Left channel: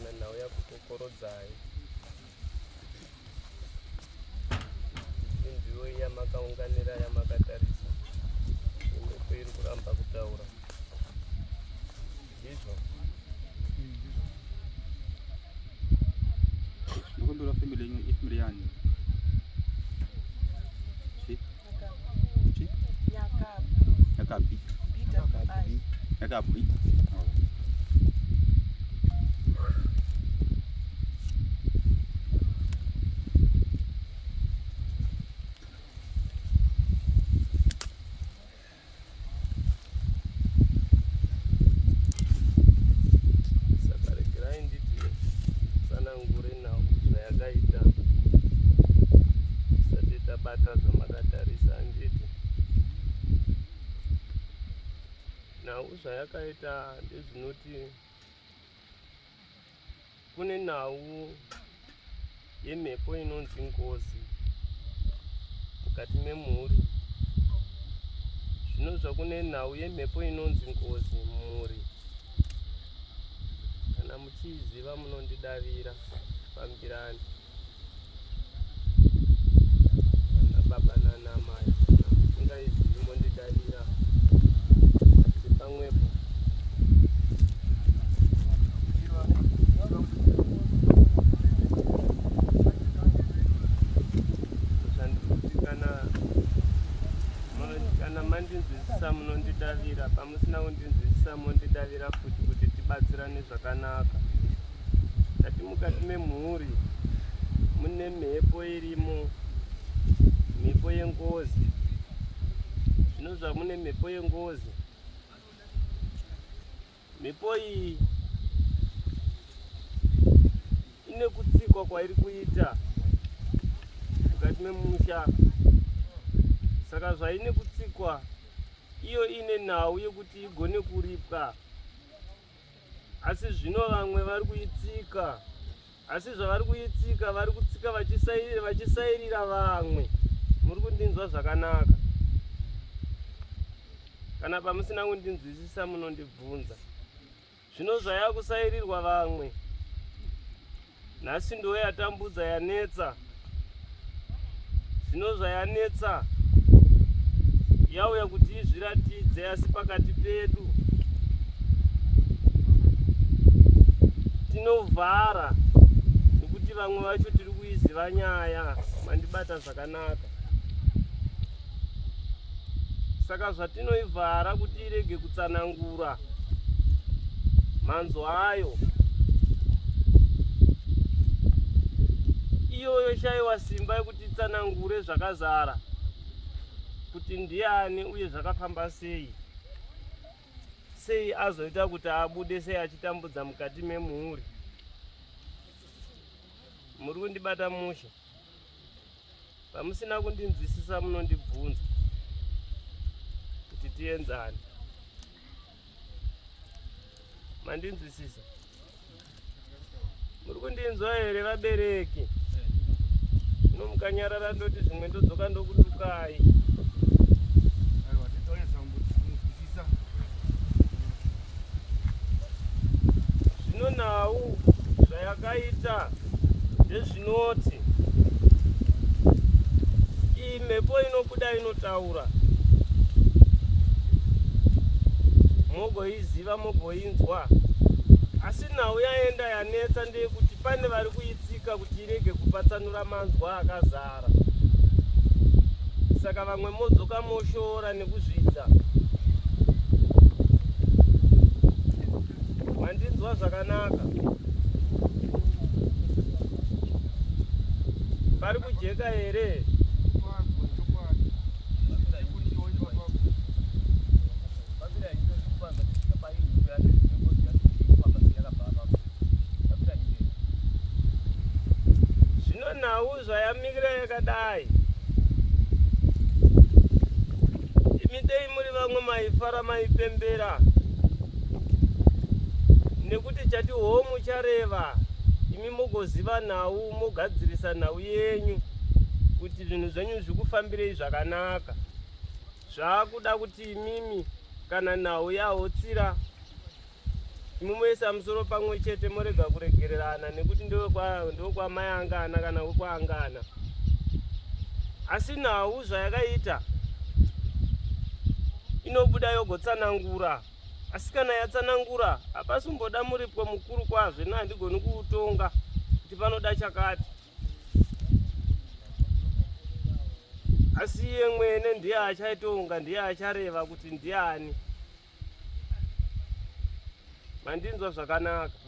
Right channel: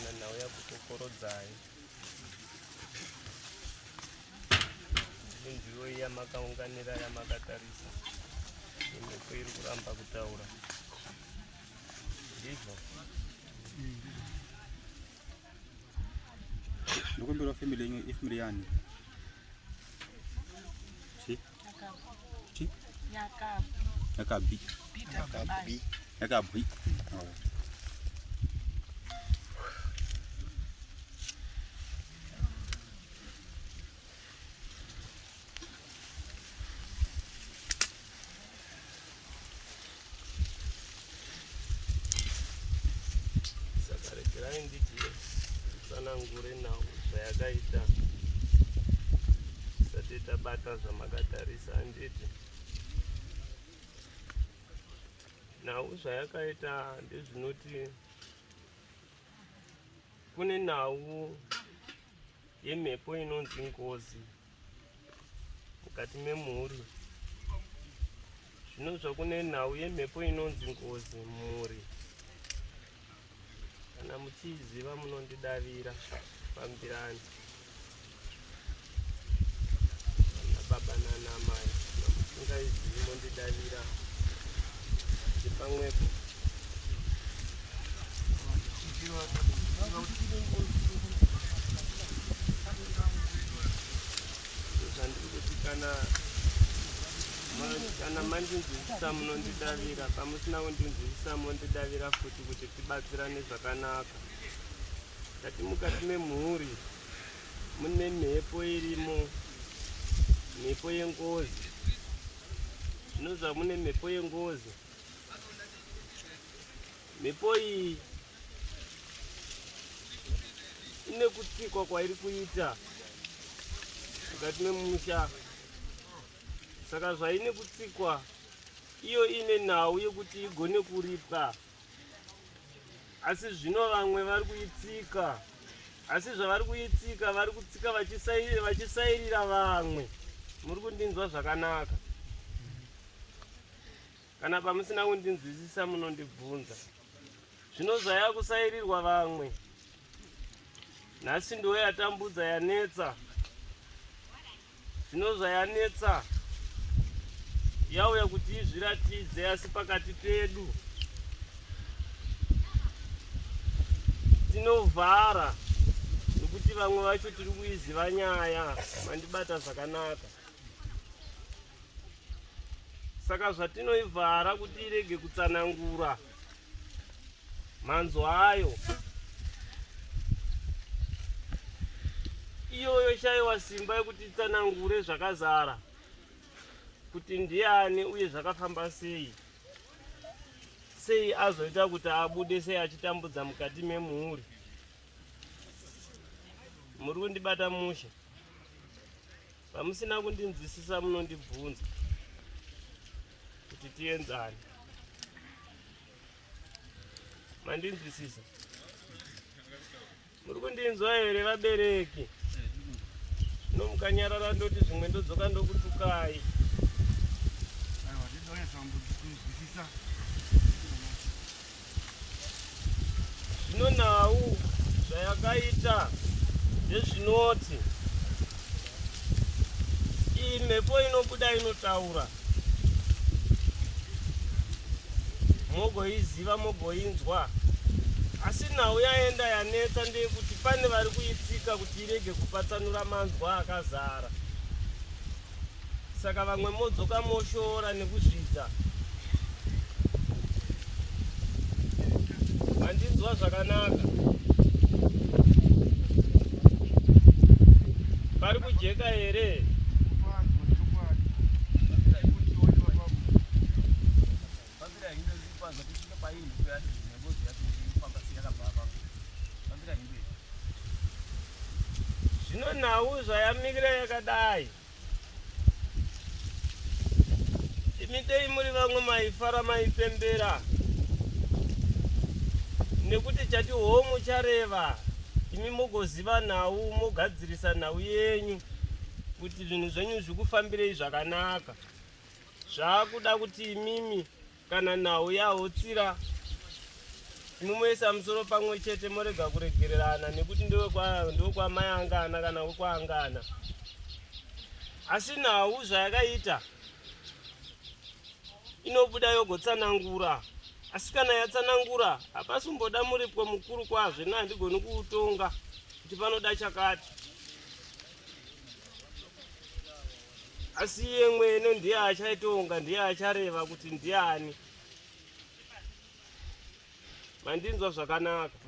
kana nhau yakukokorodzai inzviwo yamakaunganira yamakatarisa imwepo iri kuramba kutaura ndizvo Ukumbira family yenyu ifamily yani? Yakabi. saka regerai nditi tsanangure nhau zvayakaita tisati tabata zvamakatarisa handiti nhau zvayakaita ndezvinoti kune nhau yemhepo inonzi ngozi mukati memhuri zvinonzwa kune nhau yemhepo inonzi ngozi mumhuri kana muchiziva munondidavira pambirani ana baba nana mai musingaizivi mondidavira pamwepo kana mandinzwisisa munondidavira pamusina kundinzwisisa mondidavira futi kuti tibatsirane zvakanaka kati mukati memhuri mune mhepo irimo mhepo yengozi zvinonzwa mune mhepo yengozi mhepo iyi ine kutsikwa kwairi kuita mukati memusha saka zvaine kutsikwa iyo ine nhau yekuti igone kuripwa asi zvino vamwe vari kuitsika asi zvavari kuitsika vari kutsika vachisairira vamwe muri kundinzwa zvakanaka kana pamusina kundinzwisisa munondibvunza zvino zvaya kusairirwa vamwe nhasi ndo yatambudza yanetsa zvino zvayanetsa yauya kuti izviratidze asi pakati pedu tinovhara nekuti vamwe vacho tiri kuiziva nyaya mandibata zvakanaka saka zvatinoivhara kuti irege kutsanangura mhanzo ayo iyoyo shaiwa simba yekuti itsanangure zvakazara kuti ndiani uye zvakafamba sei azoita kuti abude sei achitambudza mukati memhuri muri kundibata mushe pamusina kundinzwisisa munondibvunza kuti tienzane mandinzwisisa muri kundinzwa here vabereki nomukanyarara ndoti zvimwe ndodzoka ndokutukai zvino nhau zvayakaita ndezvinoti iyi mhepo inobuda inotaura mogoiziva mogoinzwa asi nhau yaenda yanetsa ndeyekuti pane vari kuitsika kuti irege kupatsanura manzwa akazara saka vamwe modzoka moshora nekuzvidza mandinzwa zvakanaka pari kujeka here zvino nhau zvayamikira yakadai imitei muri vamwe maifara maipembera nekuti chati homu chareva imi mugoziva nhau mogadzirisa nhau yenyu kuti zvinhu zvenyu zvikufambirei zvakanaka zvaakuda kuti imimi kana nhau yahotsira mumoisa musoro pamwe chete morega kuregererana nekuti ndokwamayangana kana wekwaangana. Asi nhau zvayakaita inobuda yogotsanangura. Asi kana yatsanangura hapasumboda muripo mukuru kwazvo, handigoni kuutonga kuti panoda chakati. Asi iye mwene ndiye achaitonga, ndiye achareva kuti ndiani. Mandinzwa zvakanaka.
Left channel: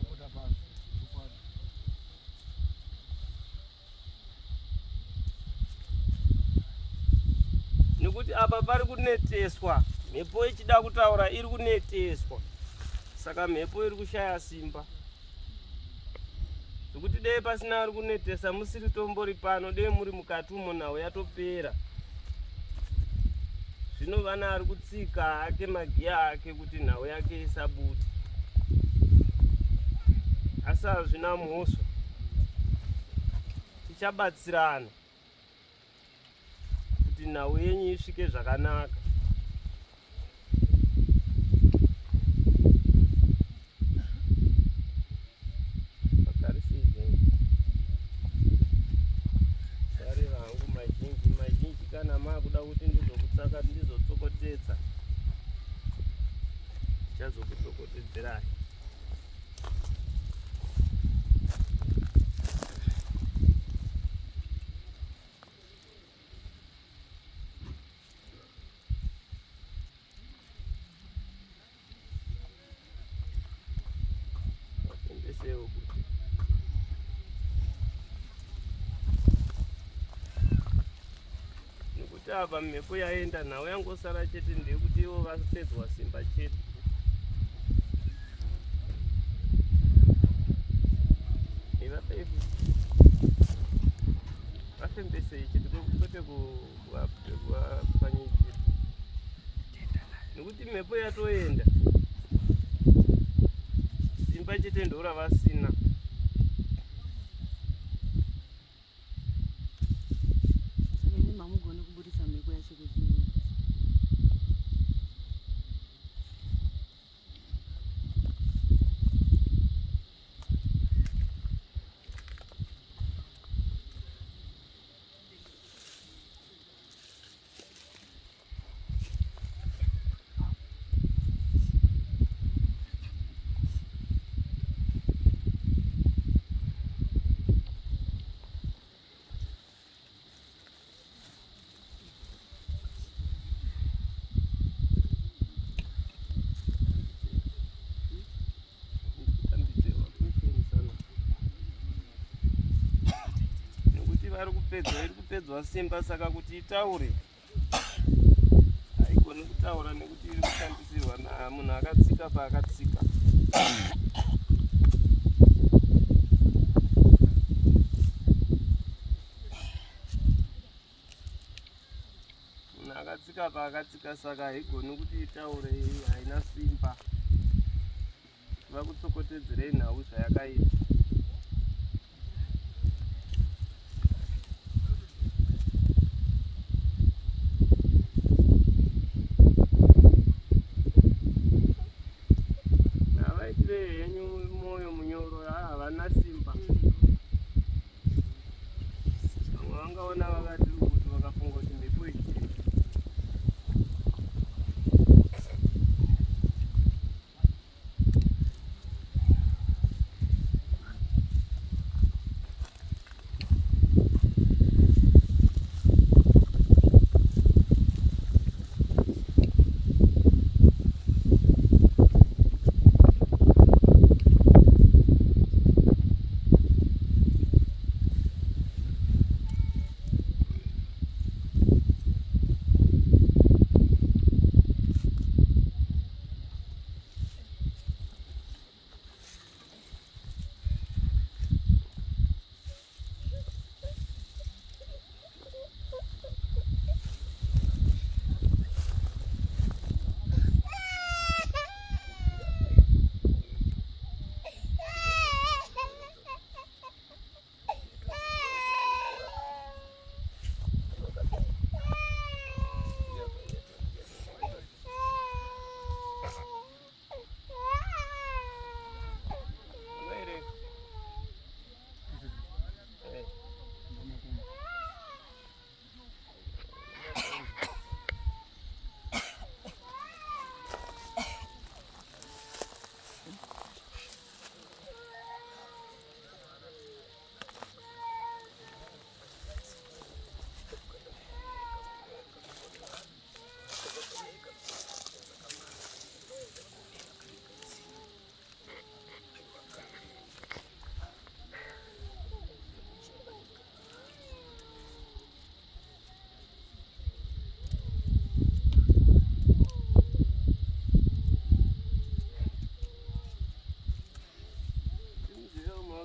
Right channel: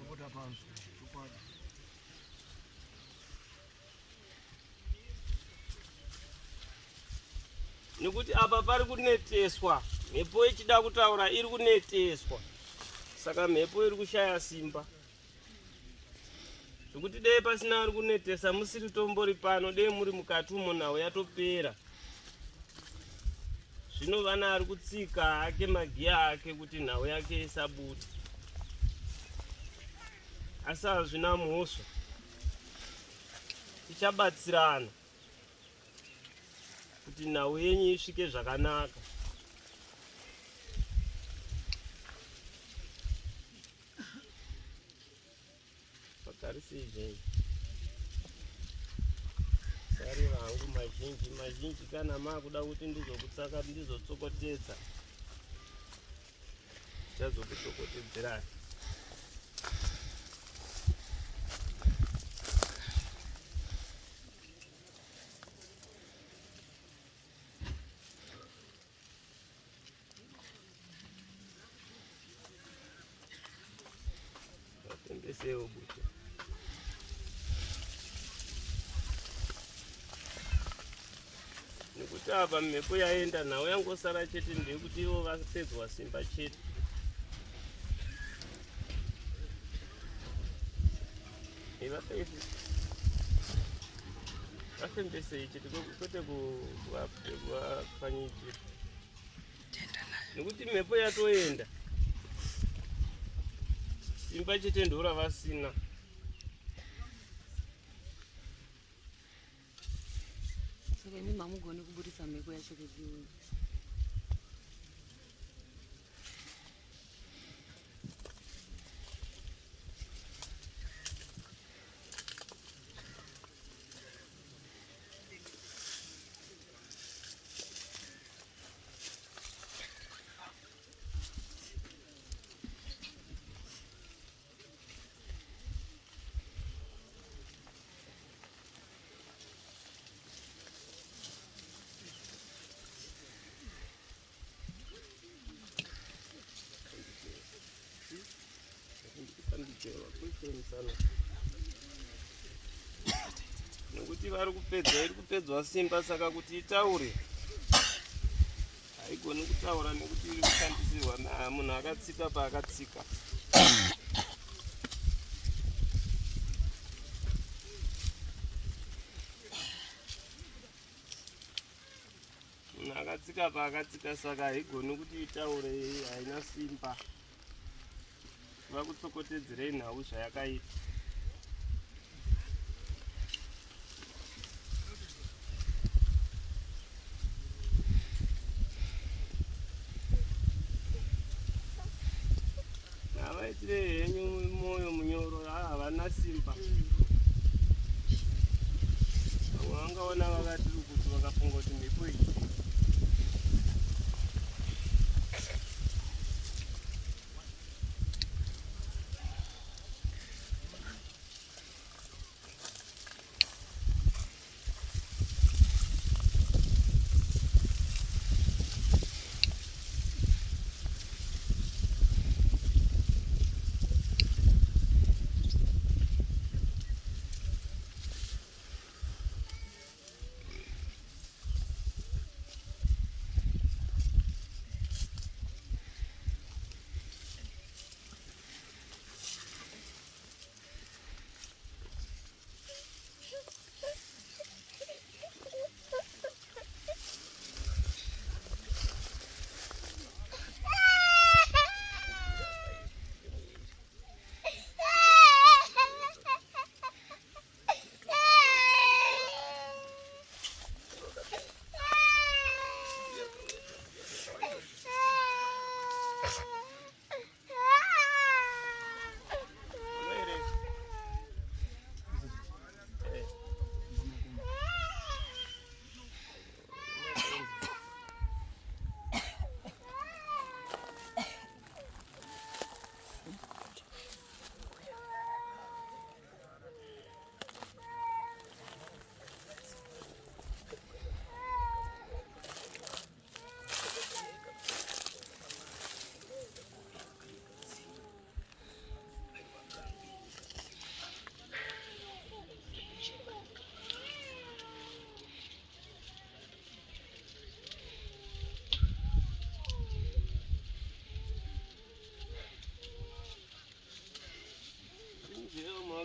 Nekuti apa pari kuneteswa, mhepo ichida kutaura iri kuneteswa, saka mhepo iri kushaya simba. Zvokuti dei pasina ari kunetesa, musiri tombori pano, dei muri mukati umo nhau yatopera. Zvino vana ari kutsika ake magiya ake kuti nhau yake isabuda. Asi hazvina mhosva, tichabatsirana kuti nhau yenyu isvike zvakanaka. Vagarisei sari vangu mazhinji kana makuda kuti ndizokutsaka ndizotsokotedza, ndichazokutsokotedzerai. Vapembesewo bute. Nekuti apa mhepo yaenda, nhau yangosara chete ndeyekuti ivo vapedzwa simba chete. Vafembesei chete kwete kuvapfanyi chete. Nekuti mhepo yatoenda, simba chete ndoravasina. Mamugoni kuburisa mhepo yacho kudini. Iri kupedzwa simba, saka kuti itaure haigoni kutaura nekuti iri kushandisirwa munhu akatsika paakatsika. Munhu akatsika paakatsika, saka haigoni kuti itaure, haina simba. Vakutsokotedzerei nhau zvayakaita. Henyu moyo munyoro, havana simba. Vamwe vangaona vakati kuti vakafunga kuti mhepo iyi.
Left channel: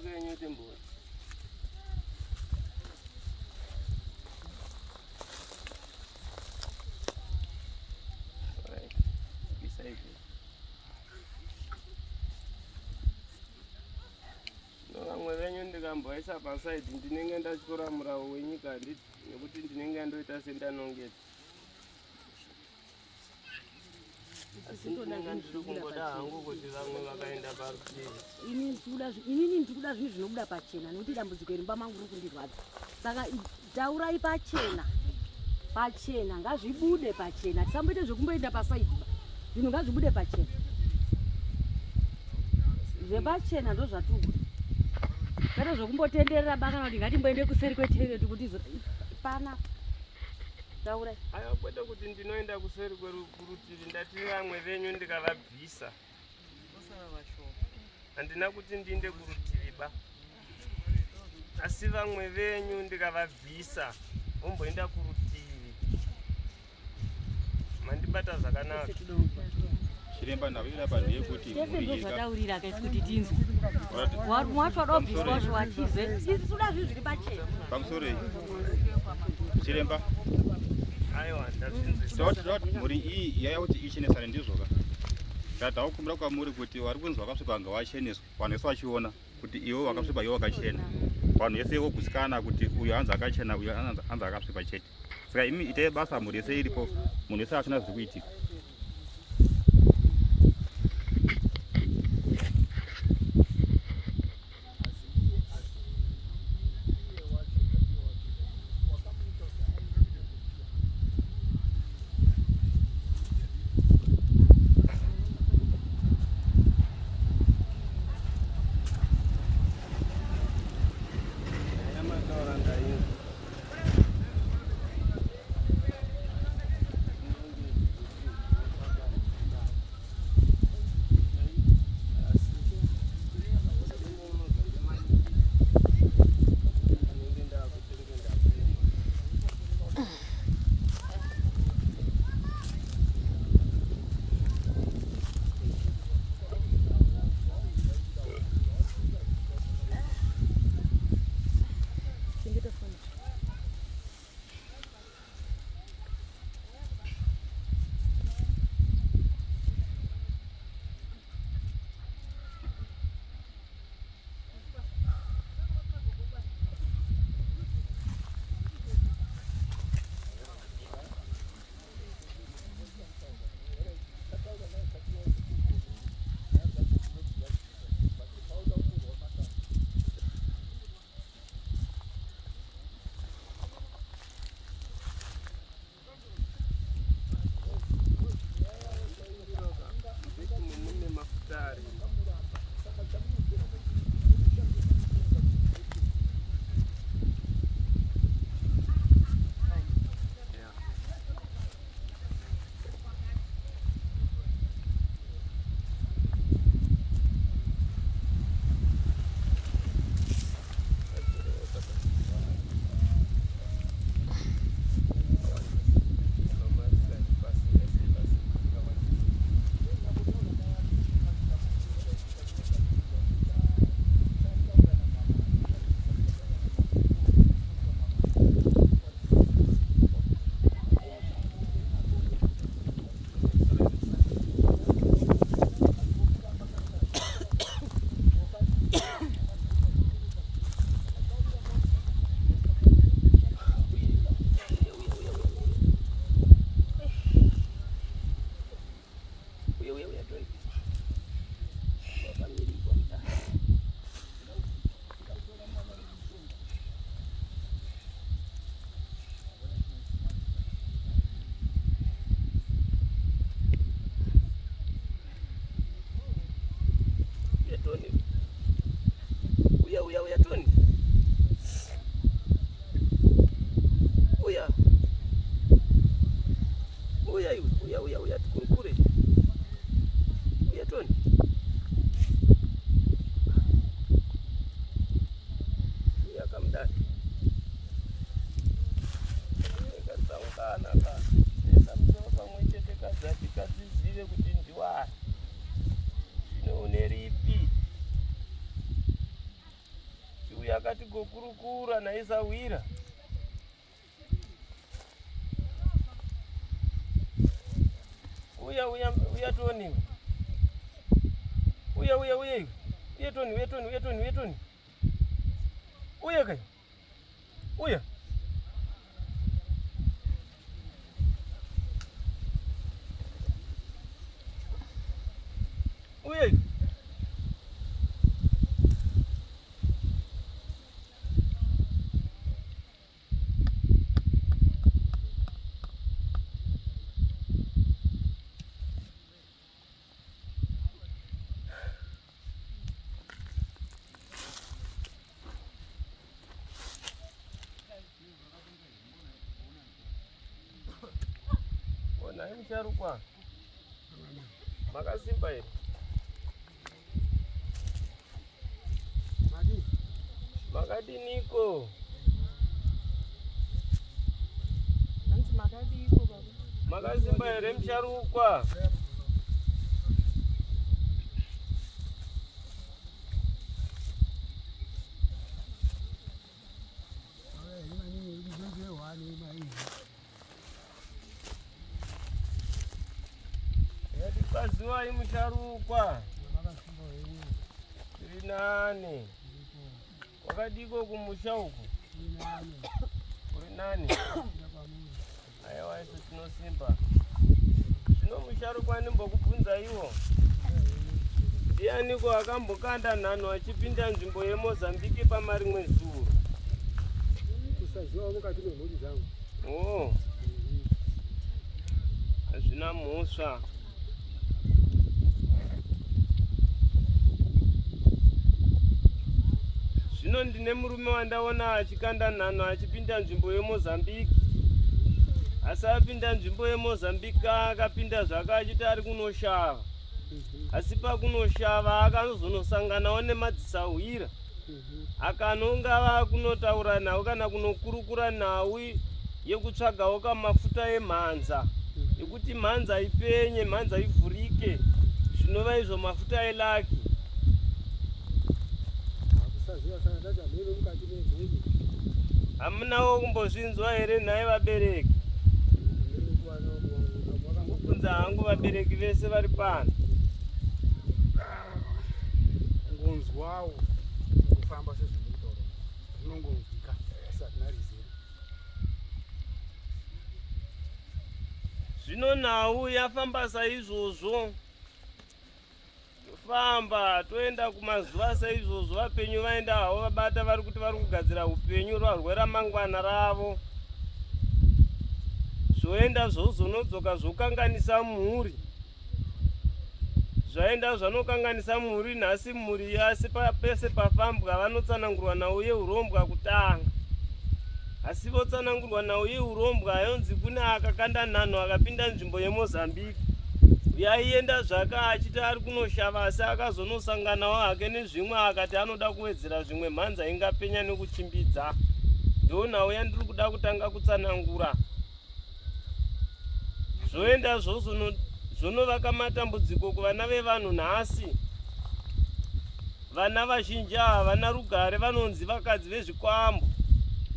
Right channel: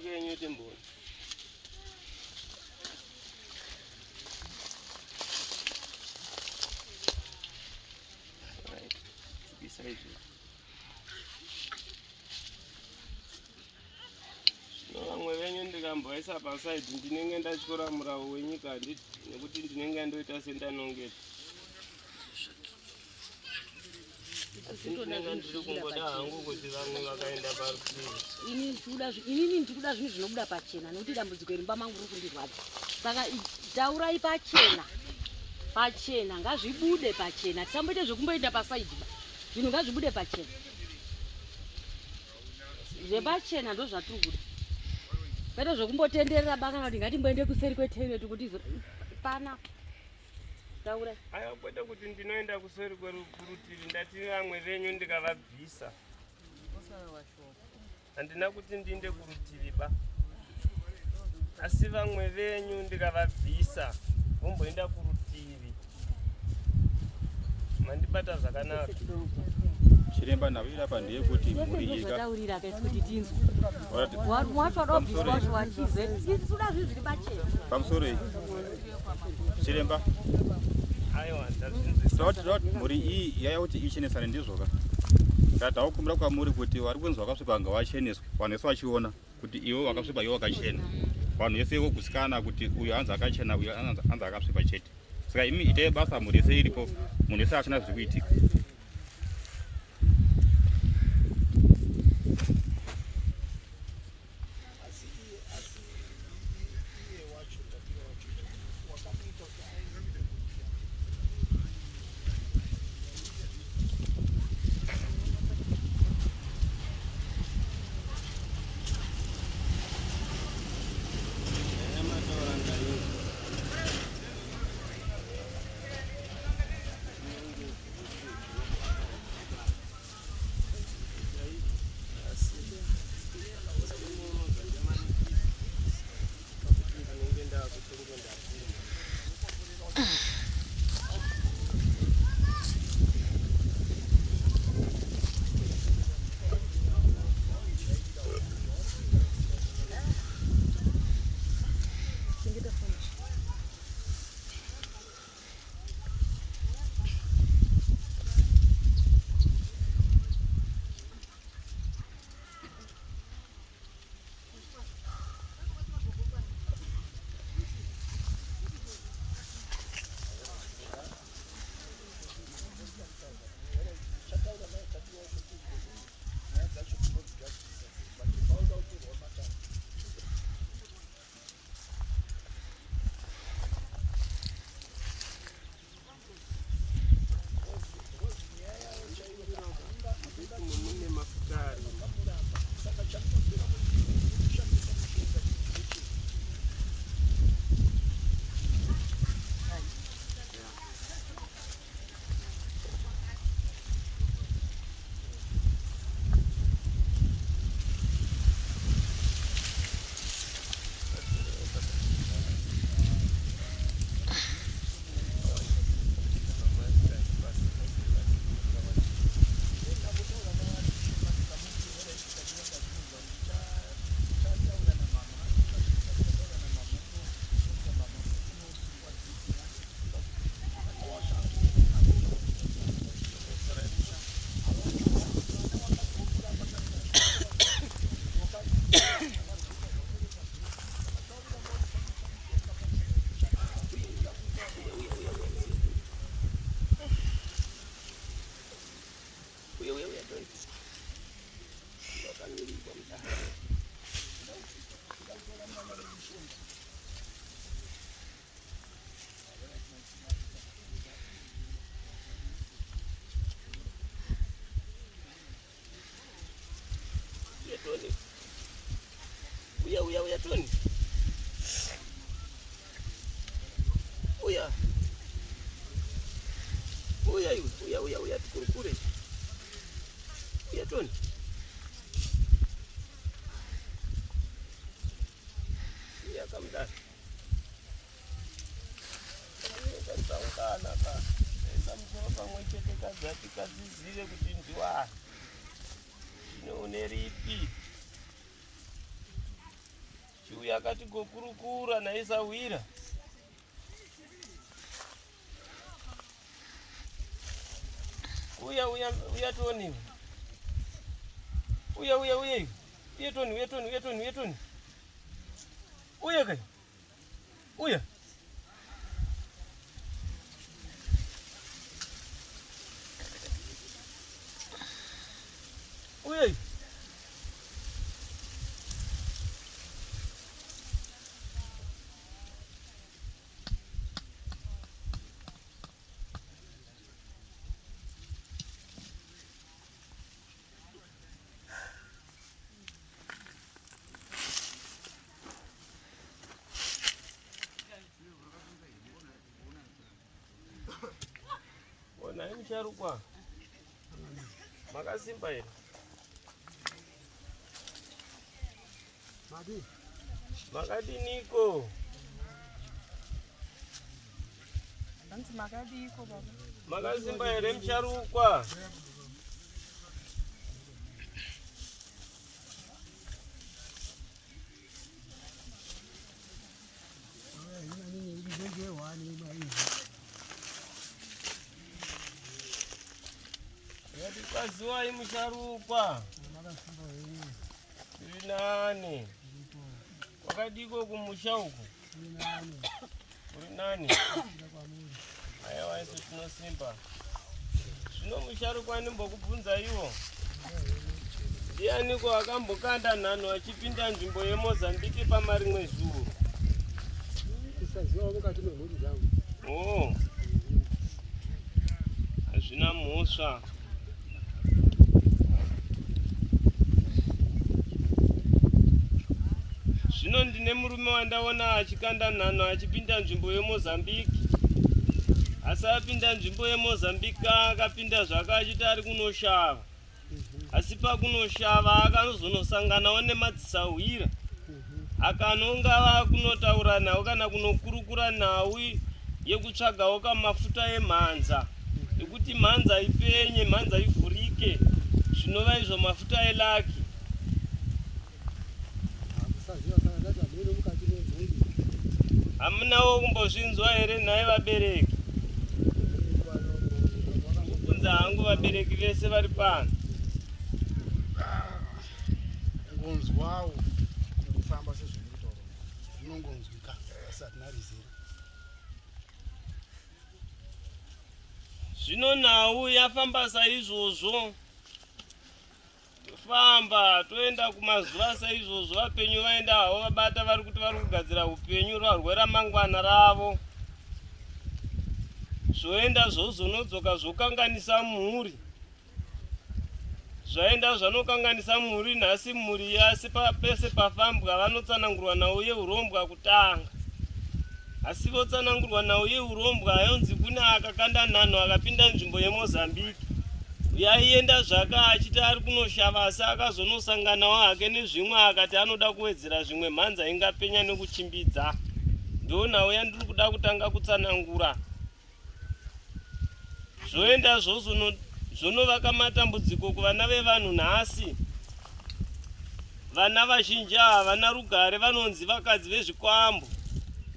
kenyu timboni. Right. Beside you. No vamwe venyu ndikamboisa pasaidi ndinenge ndachora muravo wenyika nekuti ndinenge ndoita sendanongeta. Asi ndinenge ndiri kungoda hangu kuti vamwe vakaenda parutivi. Inini ndikuda zvinhu zvinobuda pachena nekuti dambudziko rimba mangu riri kundirwadza. Saka taurai pachena ngazvibude pachena. Tisamboite zvekumboenda pasaidi. Zvinhu ngazvibude pachena. Zvepachena ndo zvatiri. Kwete zvekumbotenderera baka kuti ngatimboende kuseri kwetende kuti pana. Taurai. Aya kwete kuti ndinoenda kuseri kurutivi ndati vamwe venyu ndikavabvisa. Handina kuti ndiende kurutivi ba. Asi vamwe venyu ndikavabvisa vomboenda kurutivi. Mandibata zvakanaka. Chiremba ndavira pandeye kuti muri yega. Zvataurira akaita kuti tinzwe. Watoda kubviswa zviwatize. Tisuda zvinhu zviri pachena. Pamusoro chiremba. Aiwa ndazvinzwisisa. Dot muri iyi yaya kuti ichenesane ndizvoka. Ndatakumbira kwamuri kuti vari kunzwa vakasvipa vanga vacheneswa. Vanhu vese vachiona kuti ivo vakasvipa ivo vakachena. Vanhu vese vokusikana kuti uyu hanzi akachena uyu hanzi akasvipa chete. Saka imi itai basa muri yese iripo munhu wese achina zviri kuitika. Uya Tony. Uya tukure. Uya Tony. Uya kamdani. Kasaungana ka. Samboka mwechete kadzati kadzizive kuti ndiwa. Neuneripi. akati gokurukura naisawira. Uya Toni. Uya Toni. Uya kai. Uya. Uya. Naye musharukwa makasimba here makadiniko makasimba here musharukwa yatipaziwai musharukwa tiri nani wakadiko kumusha uku uri nani aiwa isu tinosimba zvino musharukwa ndimbokubvunza iwo ndianiko akambokanda nhano achipinda nzvimbo yeMozambique pamarimwe zuro kusaziwa mukati memhuri dzangu hazvina mhosva zvino ndine murume wandaona achikanda nhano achipinda nzvimbo yeMozambique asi apinda nzvimbo yeMozambique akapinda zvake achiti ari kunoshava asi pakunoshava akazonosanganawo nemadzisahwira akanonga vakunotaura nhau kana kunokurukura nhau yekutsvagawo kamafuta emhanza ekuti mhanza ipenye mhanza ivhurike zvinova izvo mafuta elaki hamunawo kumbozvinzwa here nhaye vabereki kubvunza hangu vabereki vese vari pano ngonzwawo kufamba sezvinotaura zvinongonzwika asi hatina rizera zvino nhau yafamba saizvozvo tofamba toenda kumazuva saizvozvo vapenyu vaenda havo vabata vari kuti vari kugadzira upenyu rwarwe ramangwana ravo zvoenda zvozonodzoka zvokanganisa mhuri zvaenda zvanokanganisa mhuri nhasi mhuri yasi pese pafambwa vanotsanangurwa nhau yeurombwa kutanga asi votsanangurwa nhau yeurombwa yonzi kune akakanda nhano akapinda nzvimbo yeMozambique yaienda zvake achiti ari kunoshava asi akazonosanganawo hake nezvimwe akati anoda kuwedzera zvimwe mhanza ingapenya nekuchimbidza ndo nhau yandiri kuda kutanga kutsanangura zvoenda zvonovaka matambudziko kuvana vevanhu nhasi vana vazhinji havana rugare vanonzi vakadzi vezvikwambo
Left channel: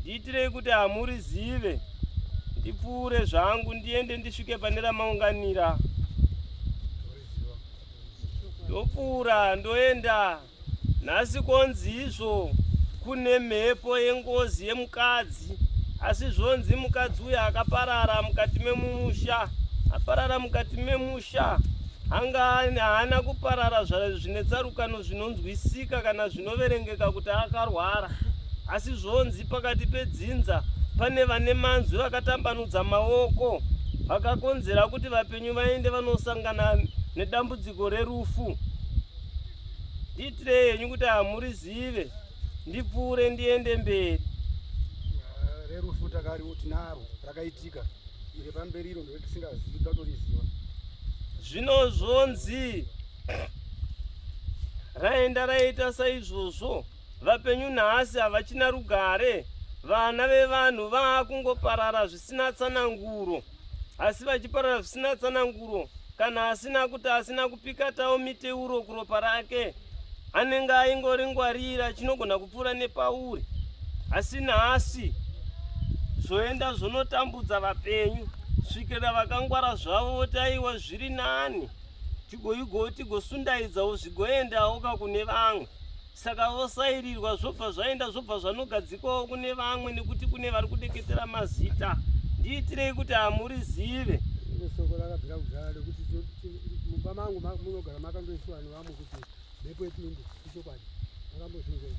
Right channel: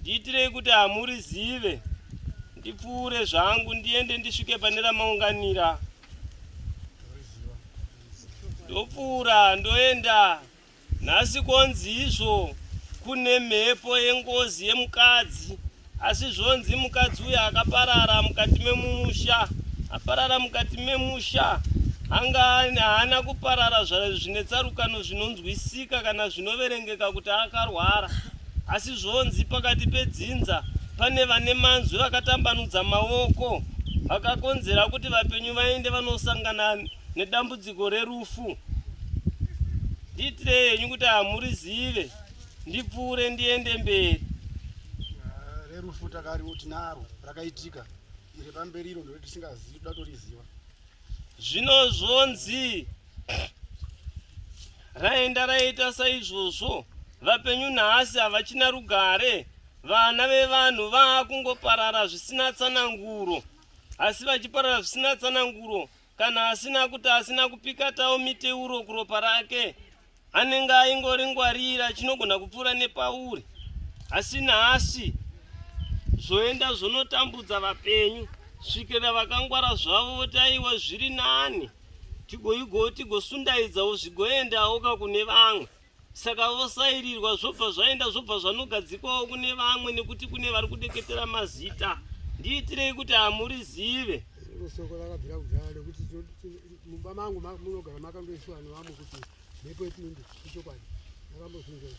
ndiitirei kuti hamurizive ndipfuure zvangu ndiende ndisvike pane ramaunganira ndopfuura ndoenda nhasi konzi izvo kune mhepo yengozi yemukadzi asi zvonzi mukadzi uyu akaparara mukati memusha aparara mukati memusha anga haana kuparara zvine tsarukano zvinonzwisika kana zvinoverengeka kuti akarwara asi zvonzi pakati pedzinza pane vane manzwi vakatambanudza maoko vakakonzera kuti vapenyu vaende vanosangana nedambudziko rerufu ndiitirei henyu kuti hamurizive ndipfuure ndiende mberi rerufu tinaro rakaitika iro pamberi iro ndotisingazivi tatoriziva zvino zvonzi raenda raita saizvozvo vapenyu nhasi havachina rugare vana vevanhu vaakungoparara zvisina tsananguro asi vachiparara zvisina tsananguro kana asina kuti asina kupikatawo miteuro kuropa rake anenge aingoringwarira chinogona kupfuura nepauri, asi nhasi zvoenda zvonotambudza vapenyu svikira vakangwara zvavo votaiwa zviri nani, tigosundaidzawo zvigoendawo kakune vamwe. Saka vosairirwa zvobva zvaenda zvobva zvanogadzikwawo kune vamwe, nekuti kune vari kudeketera mazita. Ndiitirei kuti hamurizive. Soko rakabvira kudhara rekuti mumba mangu munogara makandoiswa nevamwe kuti mhepo ipinde, ichokwadi makambozvinzwa.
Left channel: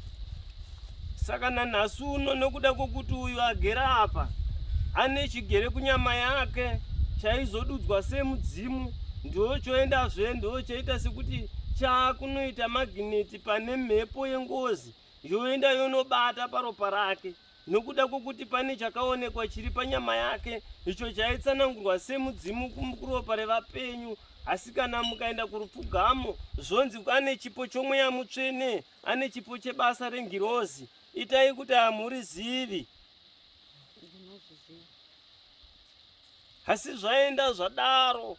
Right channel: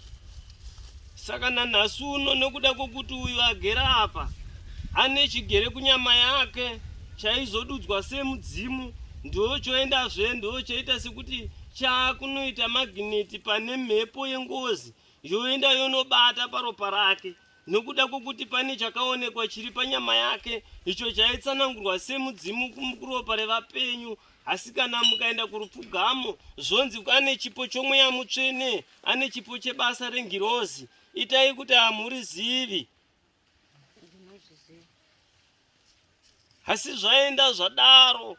Saka nanhasi uno nekuda kwokuti uyu agera apa ane chigere kunyama yake chaizodudzwa semudzimu, ndochoendazve ndochoita sekuti chaakunoita magineti pane mhepo yengozi yoenda yonobata paropa rake, nokuda kwokuti pane chakaonekwa chiri panyama yake icho chaitsanangurwa semudzimu kuropa revapenyu. Asi kana mukaenda kurupfugamo zvonzi ane chipo chomweya mutsvene, ane chipo chebasa rengirozi. Itai kuti hamurizivi. Asi zvaenda zvadaro,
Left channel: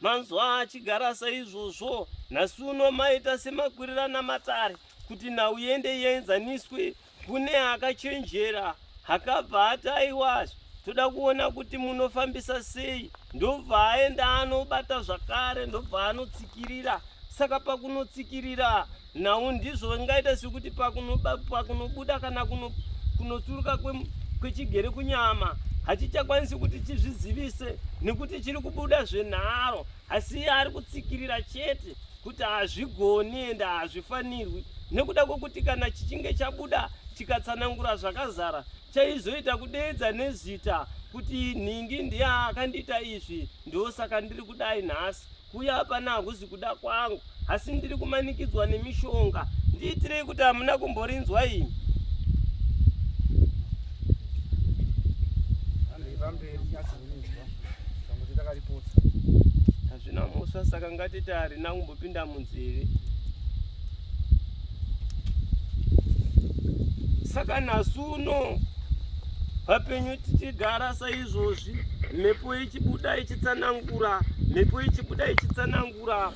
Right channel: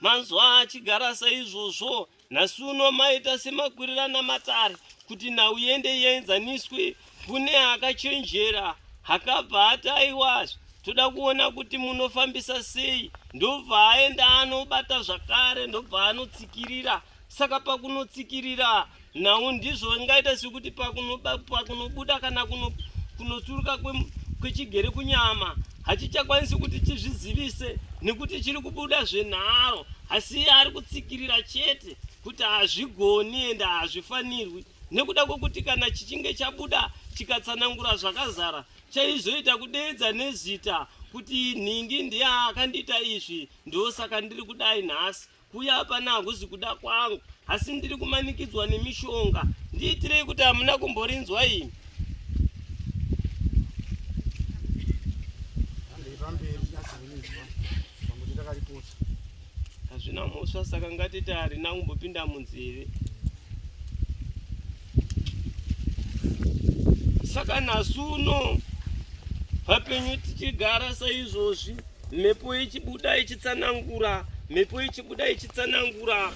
manzwa achigara saizvozvo, nhasi uno maita semakwirirana matare kuti nhau iende ienzaniswe kune akachenjera akabva ataiwa. Toda kuona kuti munofambisa sei, ndobva aenda anobata zvakare, ndobva anotsikirira. Saka pakunotsikirira nhau ndizvo ingaita sekuti pakunobuda kana kunoturuka kwechigere kunyama hachichakwanisi kuti chizvizivise, nekuti chiri kubuda zvenharo, asi ari kutsikirira chete kuti hazvigoni ende hazvifanirwi, nekuda kwokuti kana chichinge chabuda chikatsanangura zvakazara chaizoita kudeedza nezita kuti nhingi ndiye akandiita izvi, ndosaka ndiri kudai nhasi. Kuya hapana hakuzi kuda kwangu, asi ndiri kumanikidzwa nemishonga. Ndiitirei kuti hamuna kumborinzwa ini. Hazvina muswa, saka ngatiti harina kumbopinda munzeve. Saka nhasi uno vapenyu tichigara saizvozvi, mhepo ichibuda ichitsanangura, mhepo ichibuda ichitsanangura,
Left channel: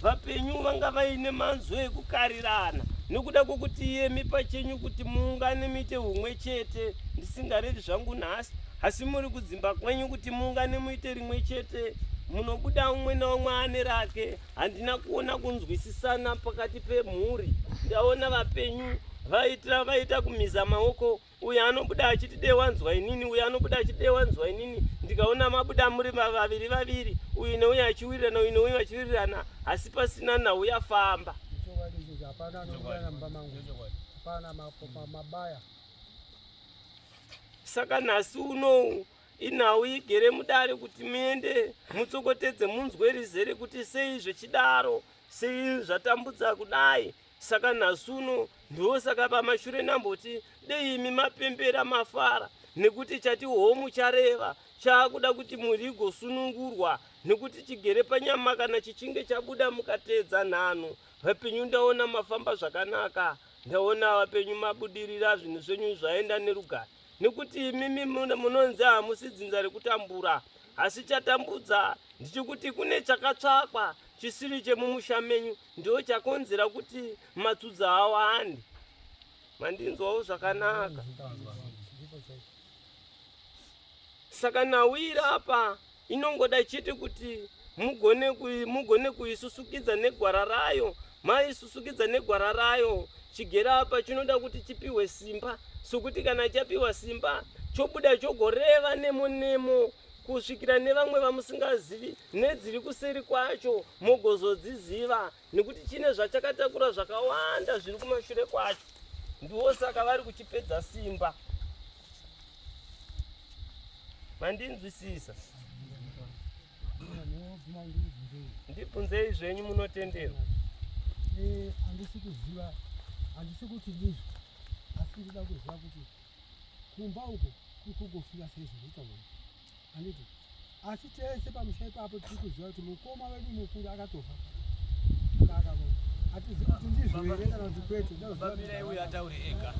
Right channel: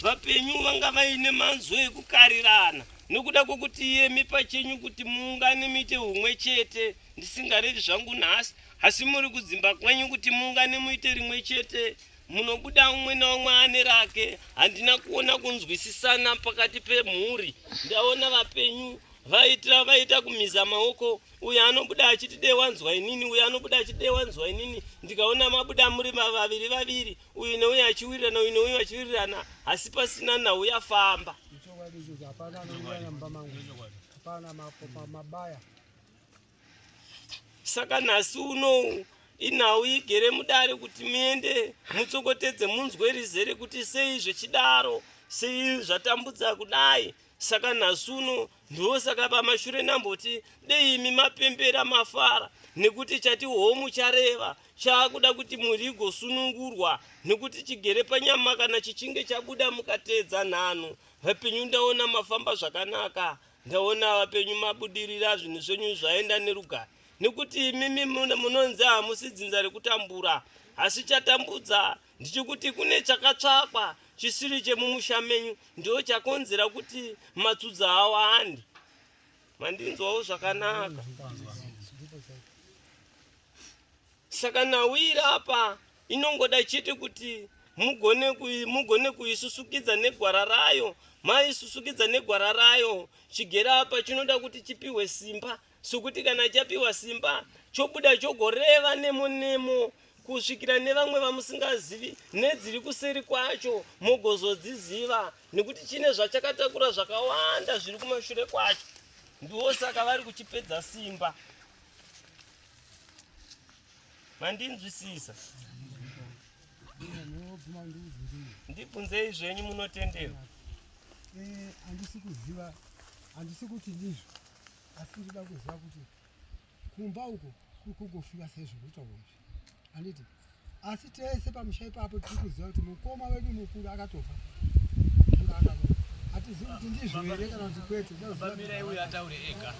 vapenyu vanga vaine manzwi ekukarirana, nokuda kwokuti iyemi pachenyu kuti muungane muite humwe chete. Ndisingarevi zvangu nhasi, asi muri kudzimba kwenyu kuti muungane muite rimwe chete, munobuda umwe naumwe ane rake. Handina kuona kunzwisisana pakati pemhuri. Ndaona vapenyu vaita kumiza maoko, uyu anobuda achiti dei wanzwa inini, uyu anobuda achiti dei wanzwa inini. Ndikaona mabuda muri vaviri, uyu neuyu achiwirirana, uyu neuyu achiwirirana, asi pasina nhau yafamba. Saka nhasi uno inhau igere mudare kuti muende mutsokotedze munzwe rizere kuti sei zvechidaro, sei zvatambudza kudai. Saka nhasi uno ndosaka pamashure namboti dei imi mapembera mafara, nekuti chati homu chareva chaakuda kuti muri gosunungurwa, nekuti chigere panyama kana chichinge chabuda mukateedza nhano. Vapenyu ndaona mafamba zvakanaka, ndaona vapenyu mabudirira zvinhu zvenyu zvaenda nerugare, nekuti imimi munonzi hamusi dzinza rekutambura, asi chatambudza ndichikuti kune chakatsvakwa chisiri chemumusha menyu, ndo chakonzera kuti matsudza awande. Mandinzwawo zvakanaka. Saka nhau iri apa inongoda chete kuti mugone kuisusukidza negwara rayo. Maisusukidza negwara rayo, chigera apa chinoda kuti chipiwe simba, sokuti kana chapiwa simba chobuda chogoreva nemo kusvikira nevamwe vamusingazivi nedziri kuseri kwacho mogozodziziva, nekuti chine zvachakatakura zvakawanda zviri kumashure kwacho. Ndosaka vari kuchipedza simba. Mandinzwisisa? Ndibvunzei zvenyu munotenderwa. Handisi kuziva, handisi kuti ndizvo, asi ndida kuziva kuti kumba uko kugofika saizvo zvitaura izvi. Handiti, asi tese pamusha ipapo tiri kuziva kuti mukoma wedu mukuru akatofa. Hatizivi kuti ndizvo here kana kuti kwete. Bamira uyu ataure ega.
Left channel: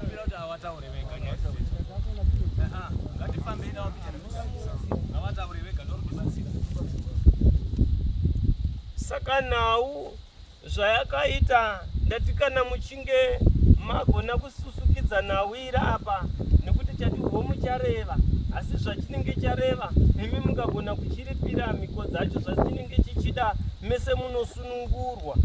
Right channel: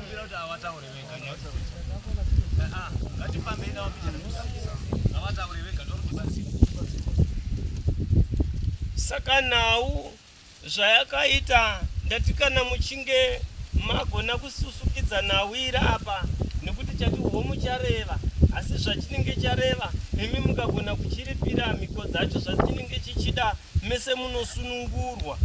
Kumbira kuti avataure vega. Ngatifambei navo picha avataure vega ndorokubatsira. Saka nhau zvayakaita ndati kana muchinge magona kususukidza nawira apa nekuti chati homu chareva asi zvachinenge chareva imi mukagona kuchiripira mhiko dzacho zvachinenge chichida mese munosunungurwa.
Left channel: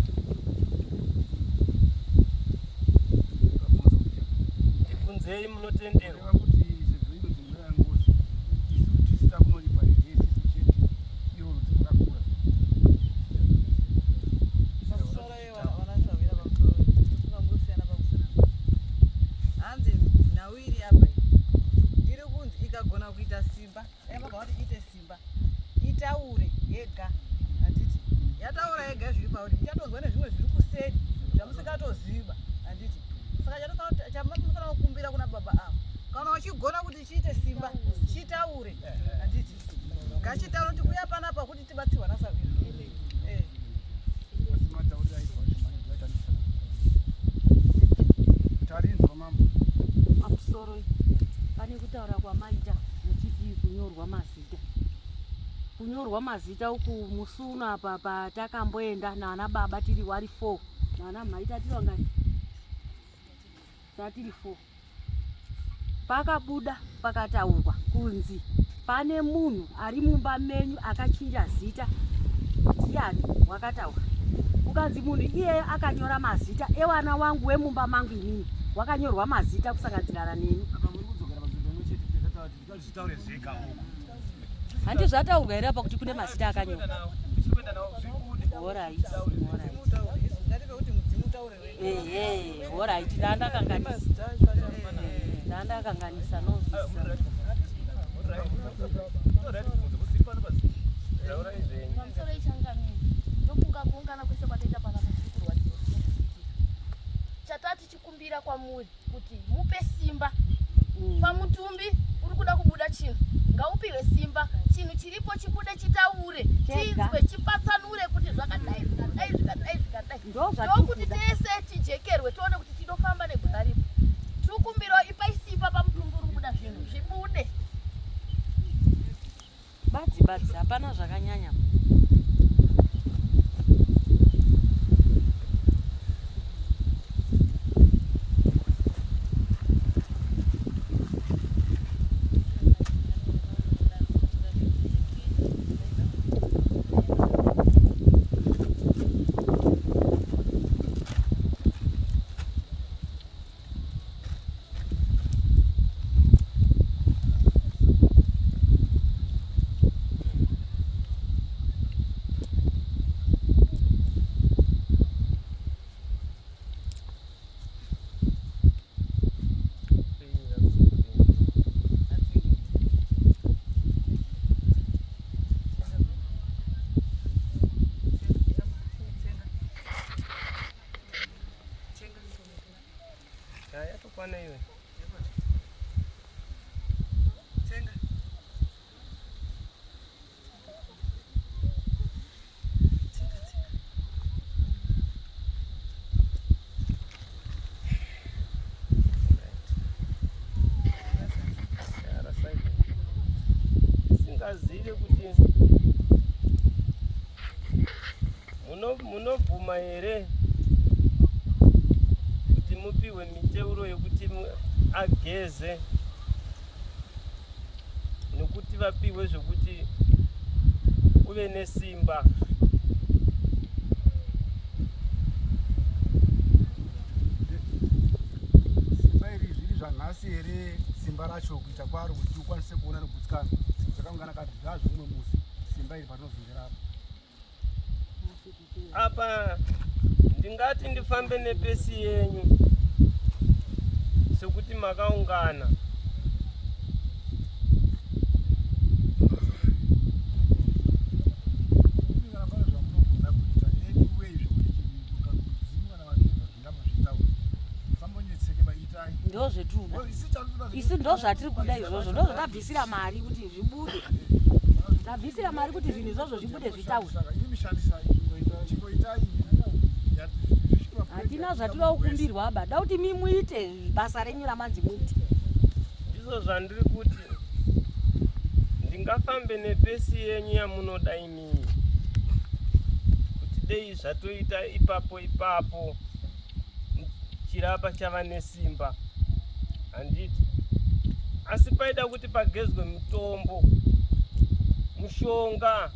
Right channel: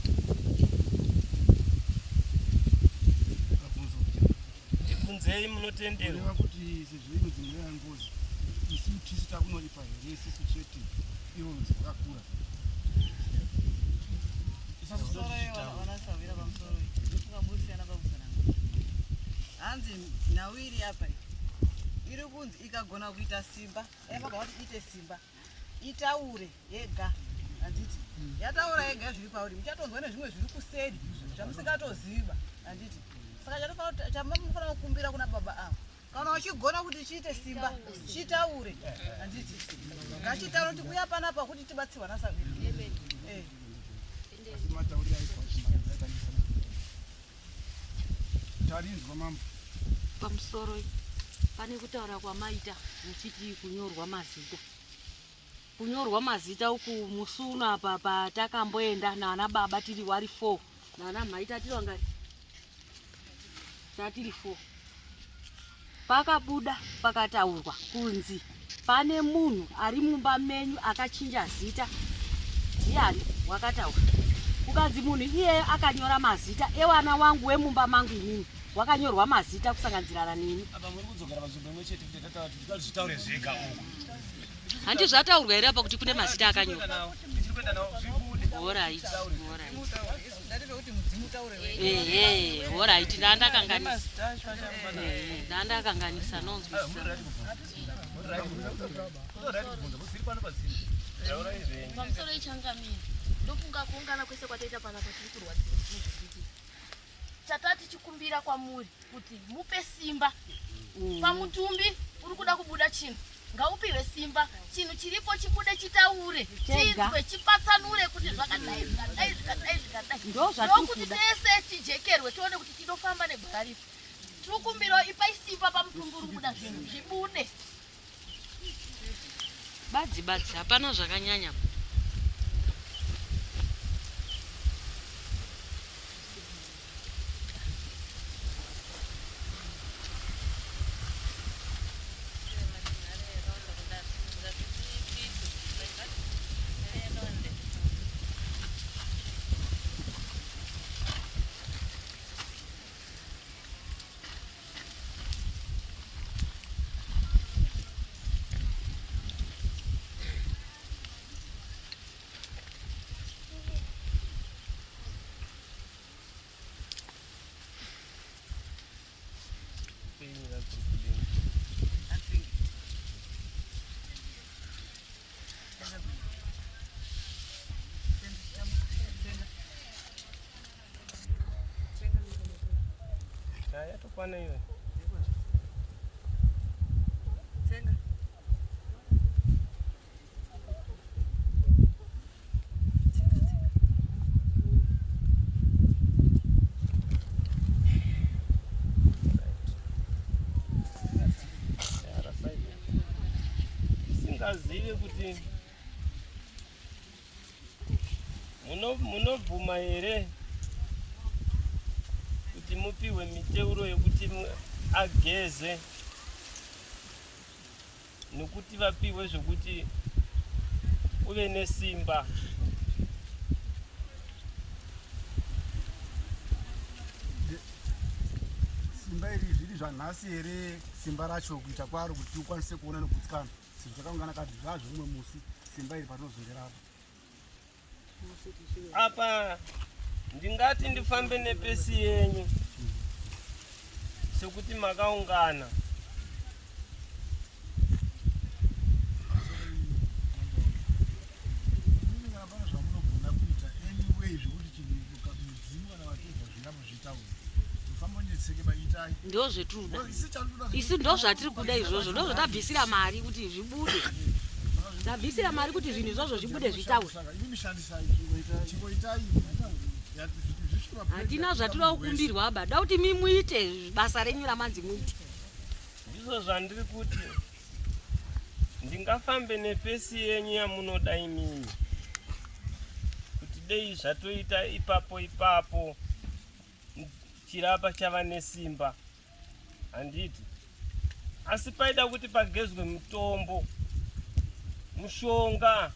Ndibvunzei munotenderwa. kuti sezvo ino dzimwe yangozi isi tisita kunoripa here sisi chete iro rudzi rwakakura hanzi nawiri apa iri kunzi ikagona kuita simba yavagava kuti ite simba itaure yega handiti yataura yega zviri pauri muchatonzwa nezvimwe zviri kuseri zvamusingatoziva handiti saka chamunofanira kukumbira kuna baba avo kana uchigona kuti chiite simba chitaure handiti ngachitaure kuti uya panapa kuti tibatsirwa nasaviri matauriro aitwa chimanizatanisana kuti arinzwa mambo pamusoro pane kutaura kwamaita muchiti kunyorwa mazita uku musuna apa patakamboenda nana baba tiri wari 4 nana mai tatiri wangati tatiri 4 pakabuda pakataurwa kunzi pane munhu ari mumba menyu akachinja zita. Ndiani wakataura? Ukanzi munhu iyeyo akanyora mazita evana wangu wemumba mangu inini wakanyorwa mazita kusanganisirana nini. Apa muri kudzokera pazvimbo imwe chete tikati tikazvitaure zvega uko. Handi zvataurwa here apa kuti kune mazita akanyorwa. Tichipenda nawo zvibude. Alright. ndatiro kuti mudzimu taure wewe Alright, ndandakanganisa nonzwisisa. pamusoro ichangamiri ndofunga kuungana kwese kwataita panapa tirikurwa chatati chikumbira kwamuri kuti mupe simba pamutumbi uri kuda kubuda chinhu ngaupiwe simba chinhu chiripo chibude chitaure chinzwe chipatsanure kuti zvakadai ndokuti tese tijekerwe tione kuti tinofamba negwara ripo. Tikumbiro ipai simba pamutumbi uri kubuda zvinhu zvibude. Badzi hapana zvakanyanya. Pana hiyo. Tsenga. Singazive kuti munobvuma here kuti mupiwe miteuro yekuti ageze nokuti vapiwe zvokuti uve nesimba. simba iri zviri zvanhasi here simba racho kuita kwaro kuti ukwanise kuona nekutsikana zvakaungana kati zvazvimwe musi simba iri patinozongerapa apa ndingati ndifambe nepesi yenyu sekuti makaungana. Ndo zvetuda isi ndo zvatiri kuda izvozvo ndo zvatabvisira mari kuti zvibude tabvisira mari kuti zvinhu izvozvo zvibude zvitaure. Hatina zvatiri kukumbirwa aba da kuti mimuite basa renyu ramanzi muite. Ndizvo zvandiri kuti ndingafambe nepesi yenyu yamunoda imini kuti dei zvatoita ipapo kubvira apa chava nesimba handiti, asi paida kuti pagezwe mutombo mushonga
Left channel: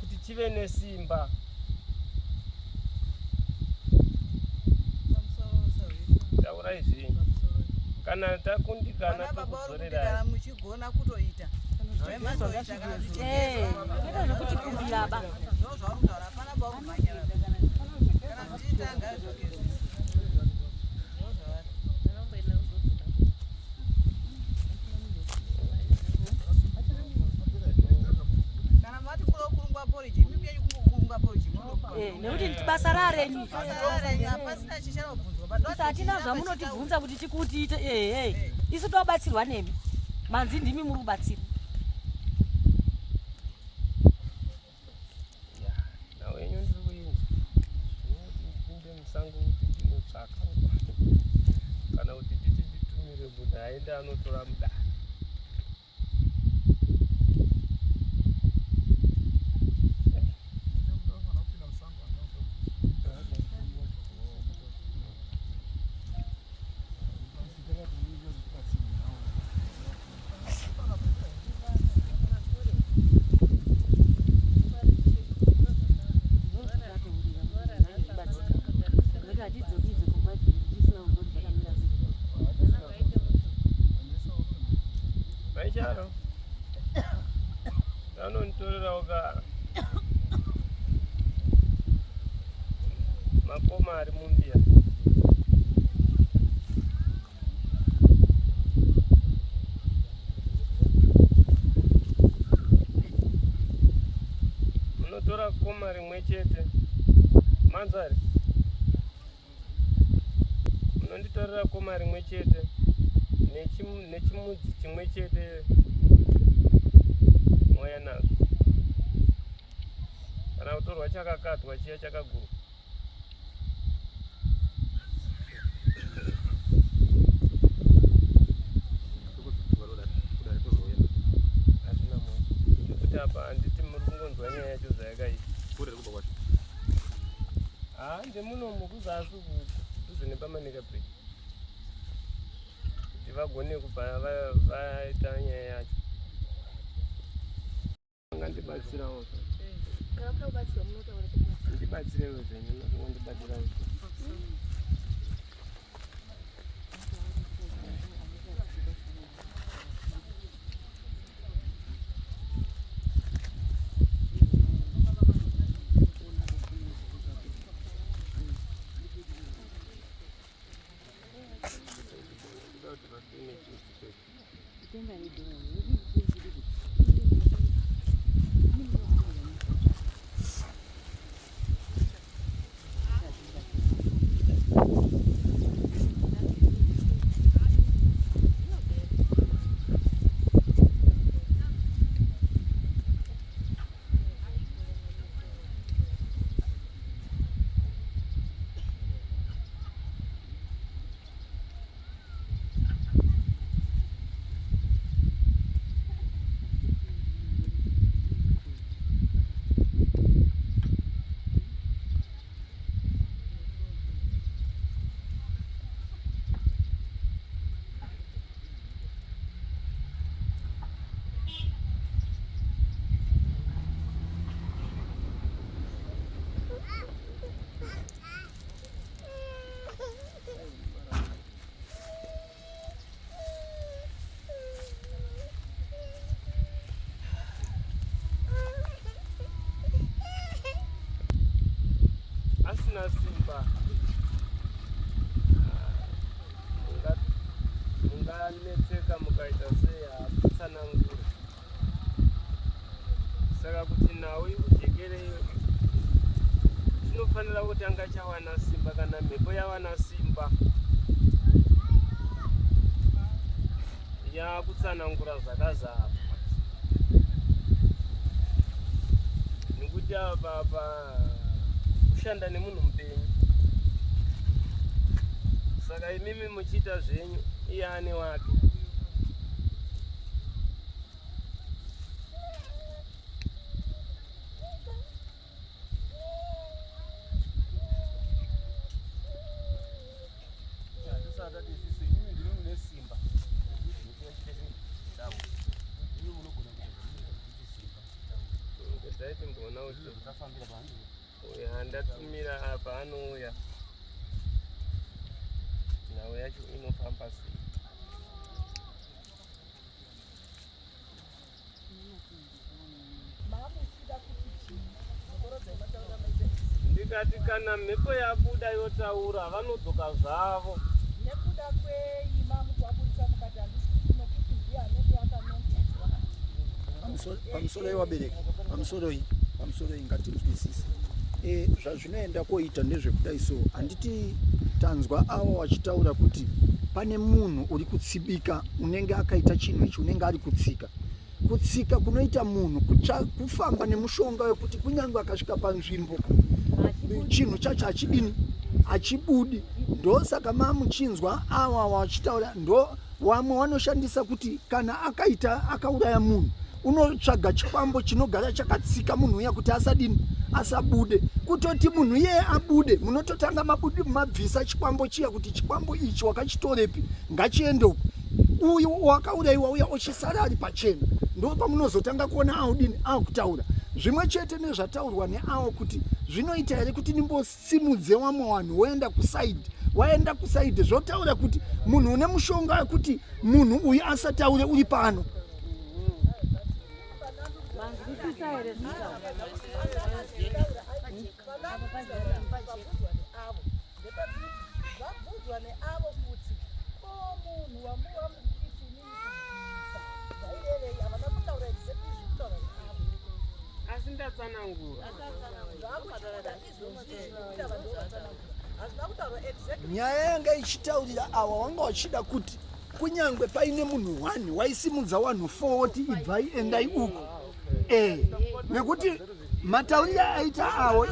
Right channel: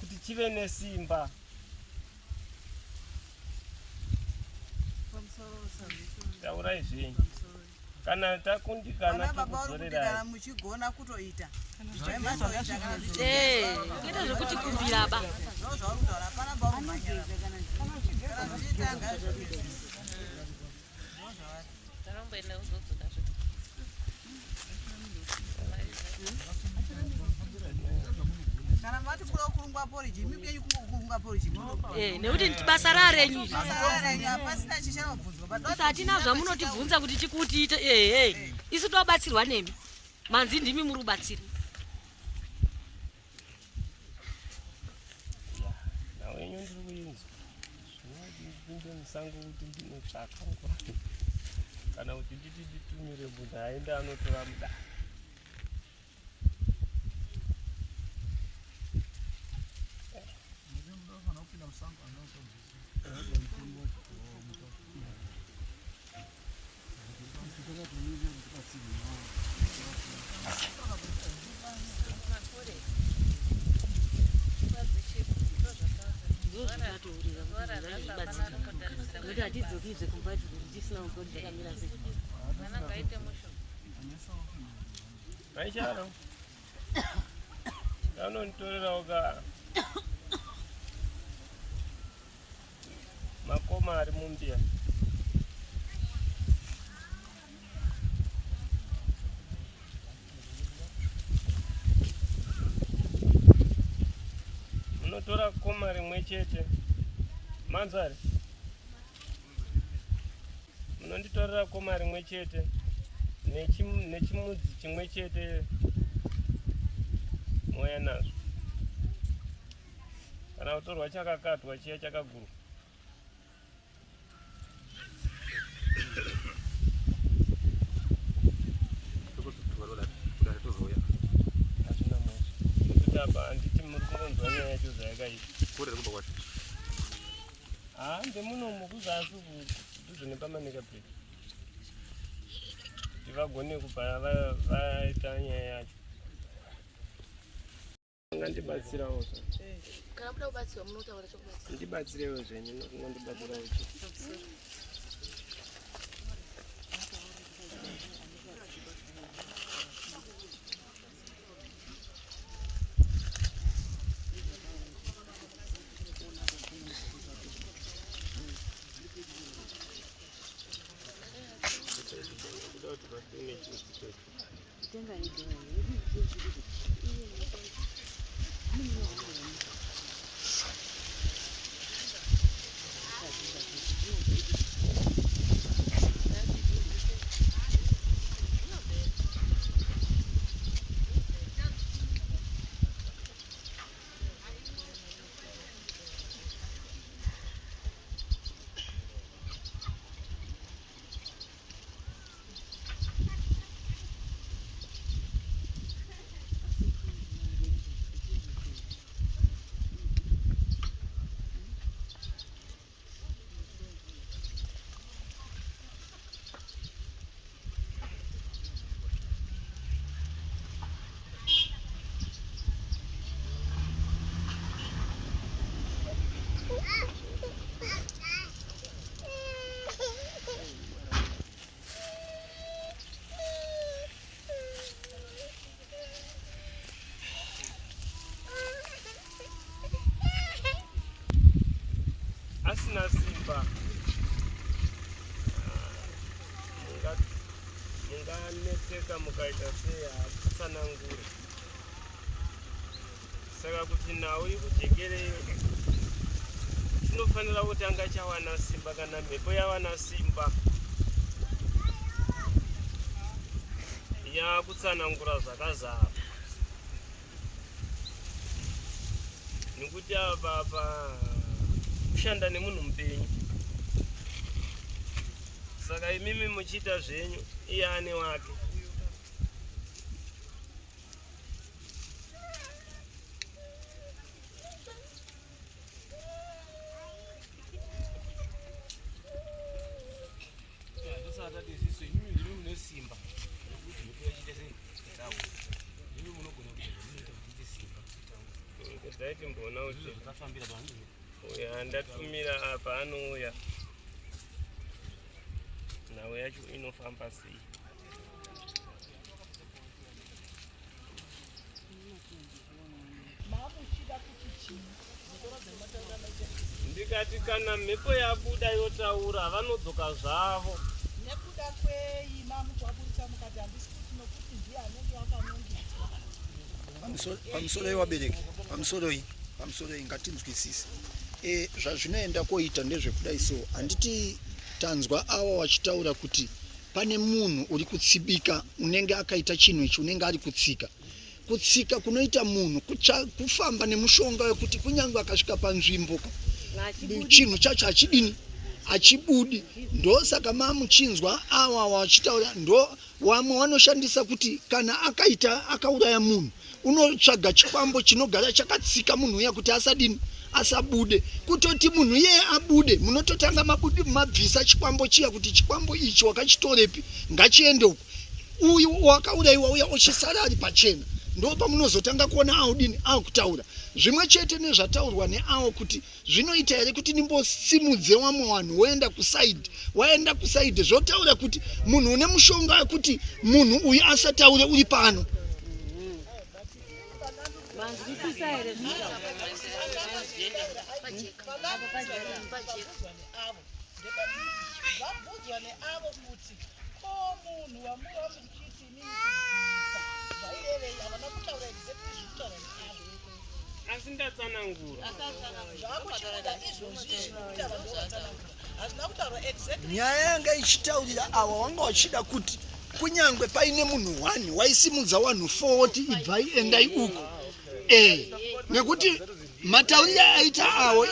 kuti chive nesimba. Taurai zvenyu kana takundikana tokuzorera muchigona kutoita kuita zvekuti kumbira ba kana mati kuda kurungwa poriji mimi kurungwa poriji nekuti basa rarenyu pasina chichanobvunzwa hatina zvamunotibvunza kuti chikuti isu tobatsirwa nemi manzi ndimi muri kubatsira. nawenyu ndiri kuinzwa ndipinde musango kuti ndinotsvaka kana kuti nditi nditumire munhu aende anotora mudaka. Maicharo anonitorerawo ka makoma ari mumbia munotora koma rimwe chete manzari munonditorera koma rimwe chete nechimudzi chimwe chete moya nazvo kana kutorwa chakakatwa chiya chakagurwa. Hazvina moto nekuti apa handiti muri kungonzwa nyaya yacho zvayakaita. Ndemunomu kuzasi kudhuze nepamanika bridge kuti vagone kubva vaita nyaya yacho. Ngandibatsirawo kana muda kubatsirwa munotaura chokubatsira ndibatsirewo zvenyu nokungondibatsirawo asina simba munganetseka mukaita sei hakutsanangure. Saka kuti nawe ikujekereyo chinofanira kutanga chawana simba. Kana mhepo yawana simba yakutsanangura zvakazara, nekuti apa kushanda nemunhu mupenyu. Saka imimi muchiita zvenyu iye ane wake. kana kuti uya ndatumira apa anouya nhau yacho inofamba sei. Ndikati kana mhepo yabuda yotaura vanodzoka zvavo. Nekuda kwei mamu kwaburisa mukati handisi kuti nokuti ndiye anenge akanongedzwa. Pamusoro yewabereki pamusoro ngatinzwisise zvazvinoenda koita ndezvekudai so handiti tanzwa awa wachitaura kuti pane munhu uri kutsibika unenge akaita chinhu ichi unenge ari kutsika kunoita munhu kufamba nemushonga wekuti kunyange akasvika panzvimbo chinhu chacho hachibudi. Ndo saka mamuchinzwa awa wachitaura ndo wamwe wanoshandisa kuti kana akauraya munhu unotsvaga chikwambo chinogara chakatsika munhu uya kuti asabude. Kutoti munhu yeye abude munototanga mabvisa chikwambo chiya kuti chikwambo ichi wakachitorepi ngachiende uko. Uyu wakaurayiwa uya ochisara ari pachena. Ndo pamunozotanga kuona akutaura zvimwe chete nezvataurwa neawo kuti zvinoita here kuti nimbosimudze wamwe vanhu waenda kusaidhi zvotaura kuti munhu une mushonga wekuti munhu uyu asataure uri pano. Vabvudzwa neavo kuti ko munhu wamuvamuchiti nikuisa zvairevei havana kutaura exactly zvekutaura neavo Asi ndatsanangura. zvakuchibuda izvozvi zvinokuti ava ndo vatsanangura hazvina kutaura exactly. Nyaya yanga ichitaurira awa wanga wachida kuti kunyangwe paine munhu 1 waisimudza vanhu 40 ibvai endai uko. Nekuti matauriro aita awo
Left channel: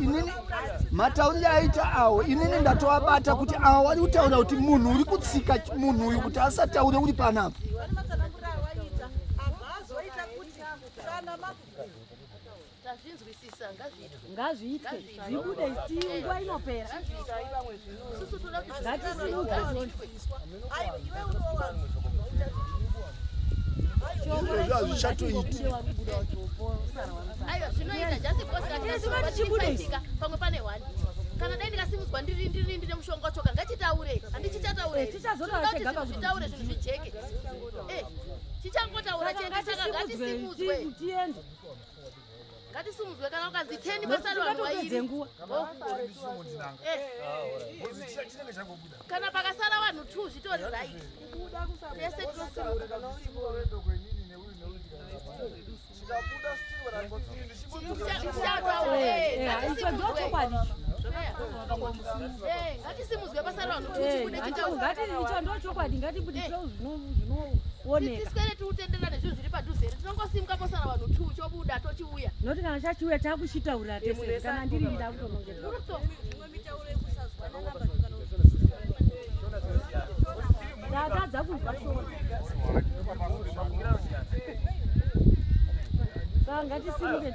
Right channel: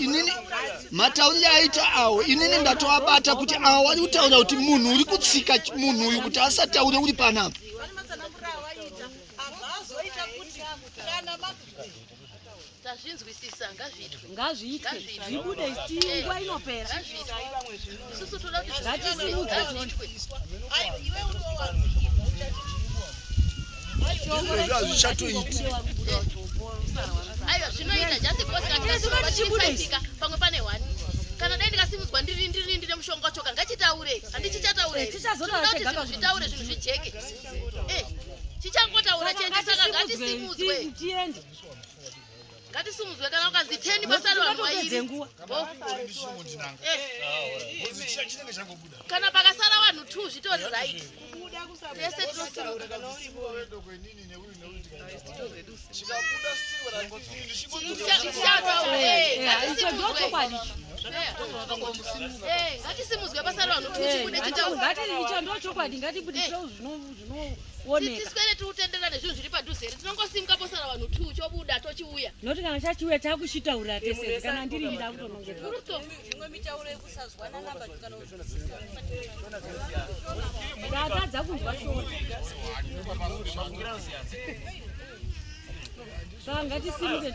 inini ndatoabata kuti awa wari kutaura kuti munhu uri kutsika munhu uyu kuti asataure uri panapa. Tazvinzwisisa ngazviitwe zvibude nguva inopera. Isusu toda kuti aiwa zvinoita just because pamwe pane 1 kana dai ndikasimudzwa ndiri mushonga wacho ngachitaure handichichataure zvitaure zvinhu zvijeke chichangotaura chete saka ngachisimudzwe ngatisimudzwe kana ukanzi 10 basa vanhu vairi kana pakasara vanhu 2 zvitori right ese ngatisimudzwe pasara vanhu 2 ndochokwadi ngatibudisiro zvinooneka tiswere tiutenderane zvinhu zviri padhuze here tinongosimuka posara vanhu 2 chobuda tochiuya noti kana chachiuya takuchitaura tese kana ndiri ndakutonongera ndatadza kunzwa shona saka ngatisimuke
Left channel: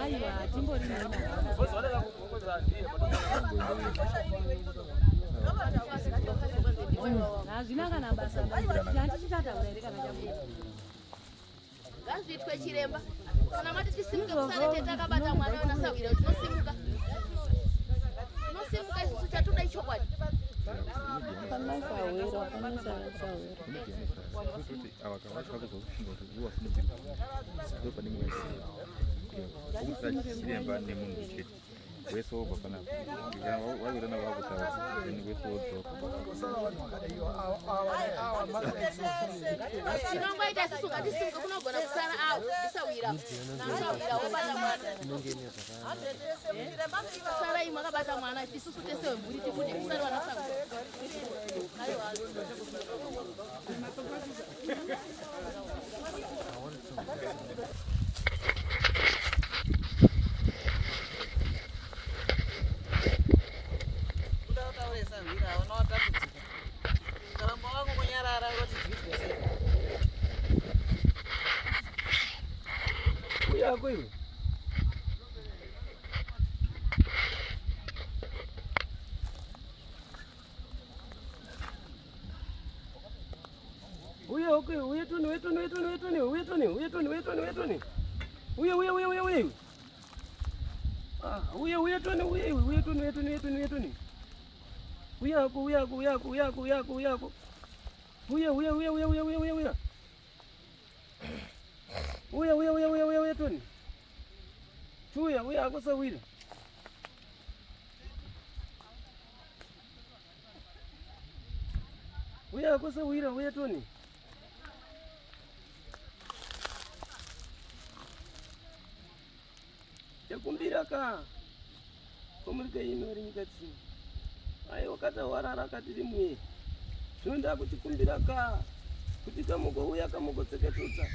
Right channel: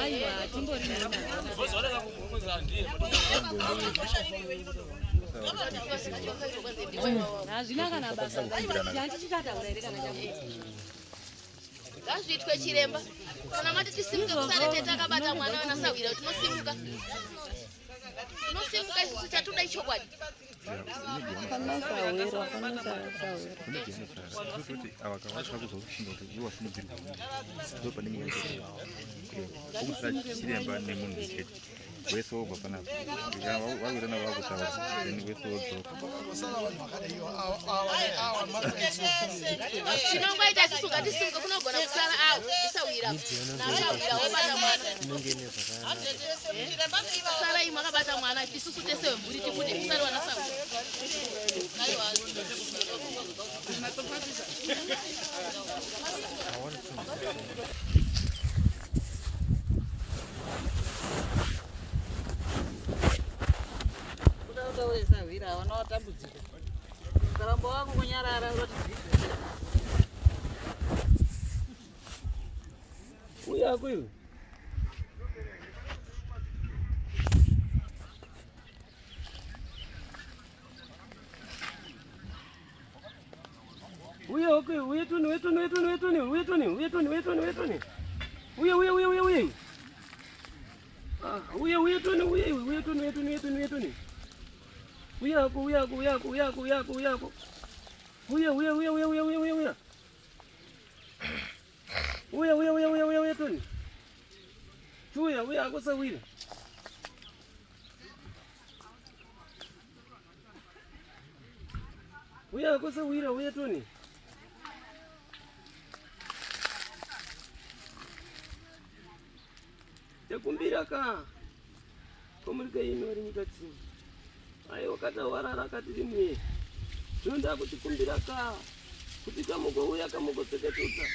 aiwa timbori hazvina kana basa handichitataura here kana ngazviitwe chiremba kana mati tisimuke kusare tetakabata mwana anasawira tinosimuka isusu chatoda ichokwadi chinongoita isusu ngatisimuke kunogona kusara isawira sara imwe akabata mwana isusu tese wemburi tibude kusari wanasawira okay, uye Toni. Uye. Ah, uye Toni. Uye ako. Uye Toni. Uye ako sawira. Uye Toni. Yakumbira ka. Komurika ino ri nyika tsini. Ai wakata warara katiri mwe. Zvinoda kuti kumbira ka. Kuti kamugouya kamugotseketudza.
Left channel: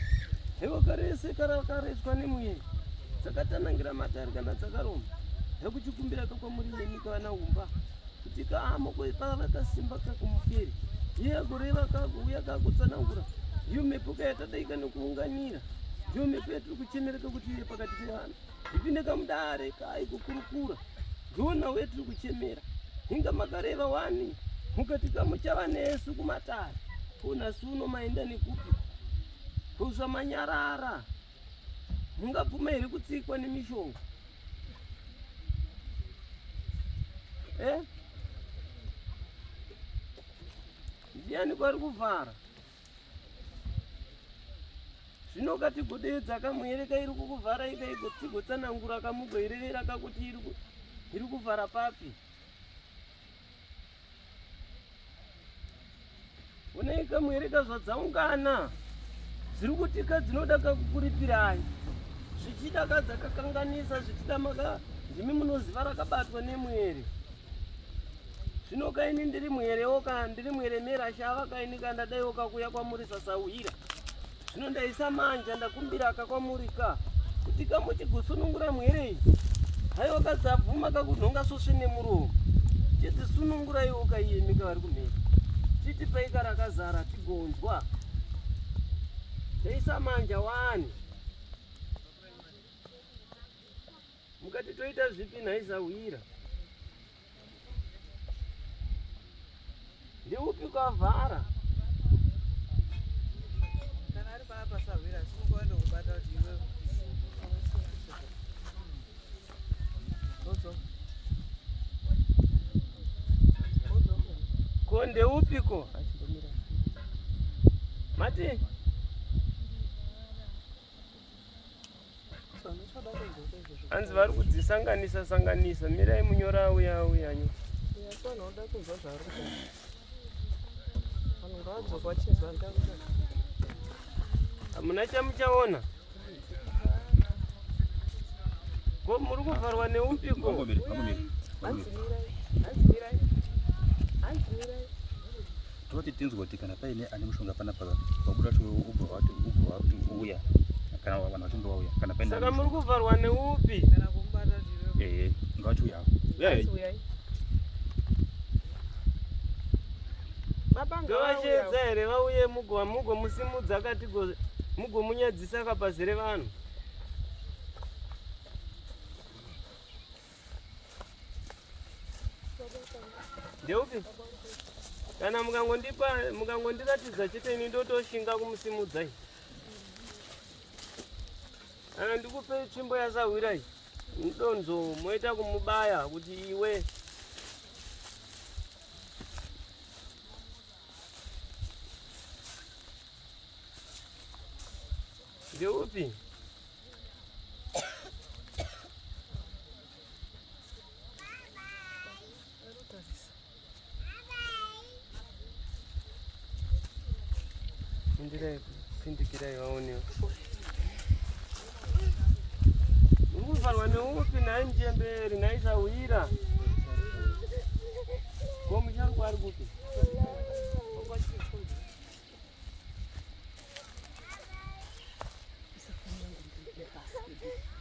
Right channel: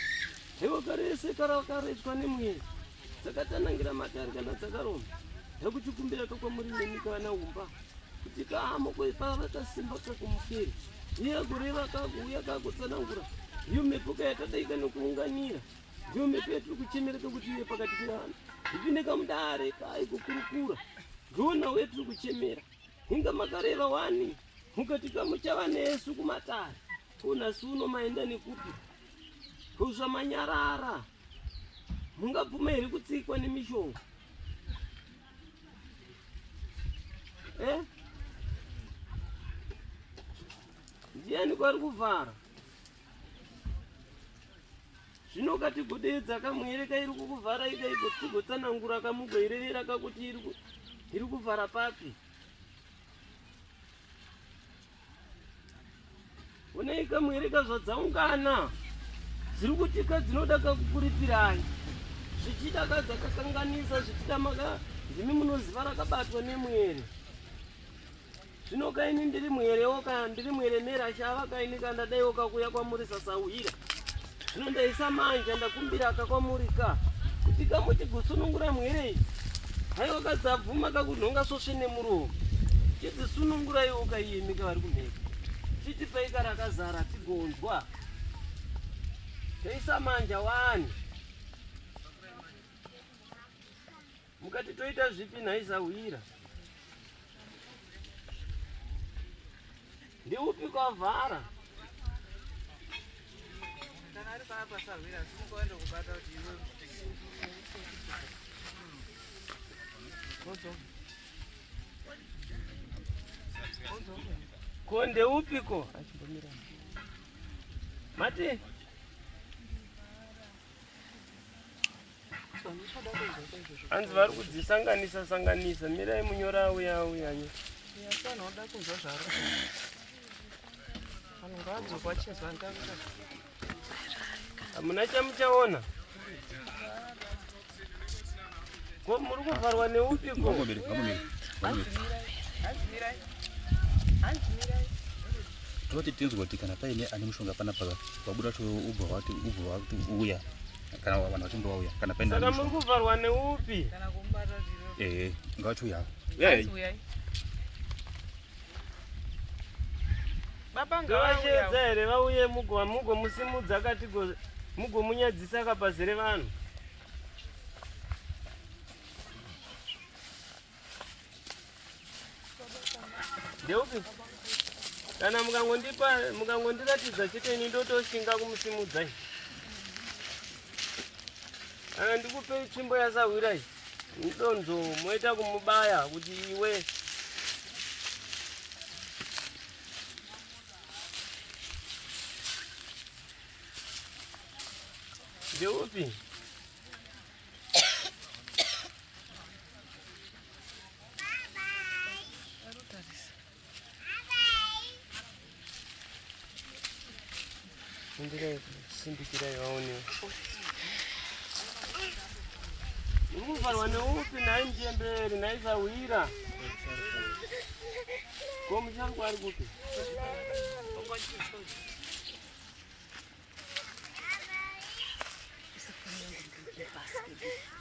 Hewa karese karakareswa nemwe. Dzakatanangira matari kana dzakaroma. Yakuchikumbira ka kwamuri nenyika vana umba. Kuti kamo kweparata simba kakumuferi. Iye kureva kakuuya kakutsanangura. Iyo mhepo yatadaika nekuunganira. Iyo mhepo yatiri kuchemereka kuti iye pakati pevanhu. Ipinde kamudare kai kukurukura. Ndona wetiri kuchemera. Hinga makareva wani. Mukati kamuchava nesu kumatare. Kuna suno maenda nekupi. Kusva manyarara. Mungabvuma here kutsikwa nemishonga. Ndiani kwari kuvhara? Zvino kati godedza kamuyereka iri kukuvhara ikaigotigotsanangura kamugoirevera kakuti iri kuvhara papi. Unei kamuyereka zvadzaungana. Dziri kutika dzinoda kakukuripirai. Zvichidakadza kakanganisa zvichida maka ndimi munoziva rakabatwa nemwere. Zvino kaini ndiri mwerewo kana ndiri mweremera shava kaini kana daiwo kakuya kwamuri sasauhira. Zvino ndaisa manja ndakumbira kakwamurika kuti kamuti gusunungura mwere. Haiwa kadzabvuma kakunhonga sosve nemuromo. Chiti sunungura iwo kaiyemeka vari kumheka. Chiti paika rakazara tigonzwa. Ndaisa manja wani. Mukati toita zvipi nhaisauhira. Ndiupi kwavhara? Kana ari panapa sawira simukwenda kubata kuti iwe. Ko ndeupiko? Mati? Hanzi vari kudzisanganisa. Mirai munyora auya. Hamuna chamuchaona? Ko muri kuvharwa neupiko? Toti tinzwa kuti kana paine ane mushonga panapa wabuda to ubva uya kana vanhu vachinge vauya kana paine. Saka muri kuvharwa neupi? Kana kumbata zviro. Ngachiuya. Ngavachedza here vauye mugomusimudza kati mugomunyadzisa kapazere vanhu. Ndeupi? Kana mukangondiratidza chete ini ndotoshinga kumusimudzai. Kana ndikupe tsvimbo yasawira iyi. Mudonzo moita kumubaya kuti iwe. Ndeupi? Sindikirai vaonewo. Muvharwa neupi nhai Mchemberi nhaisawira. Ko muchangu ari kupi?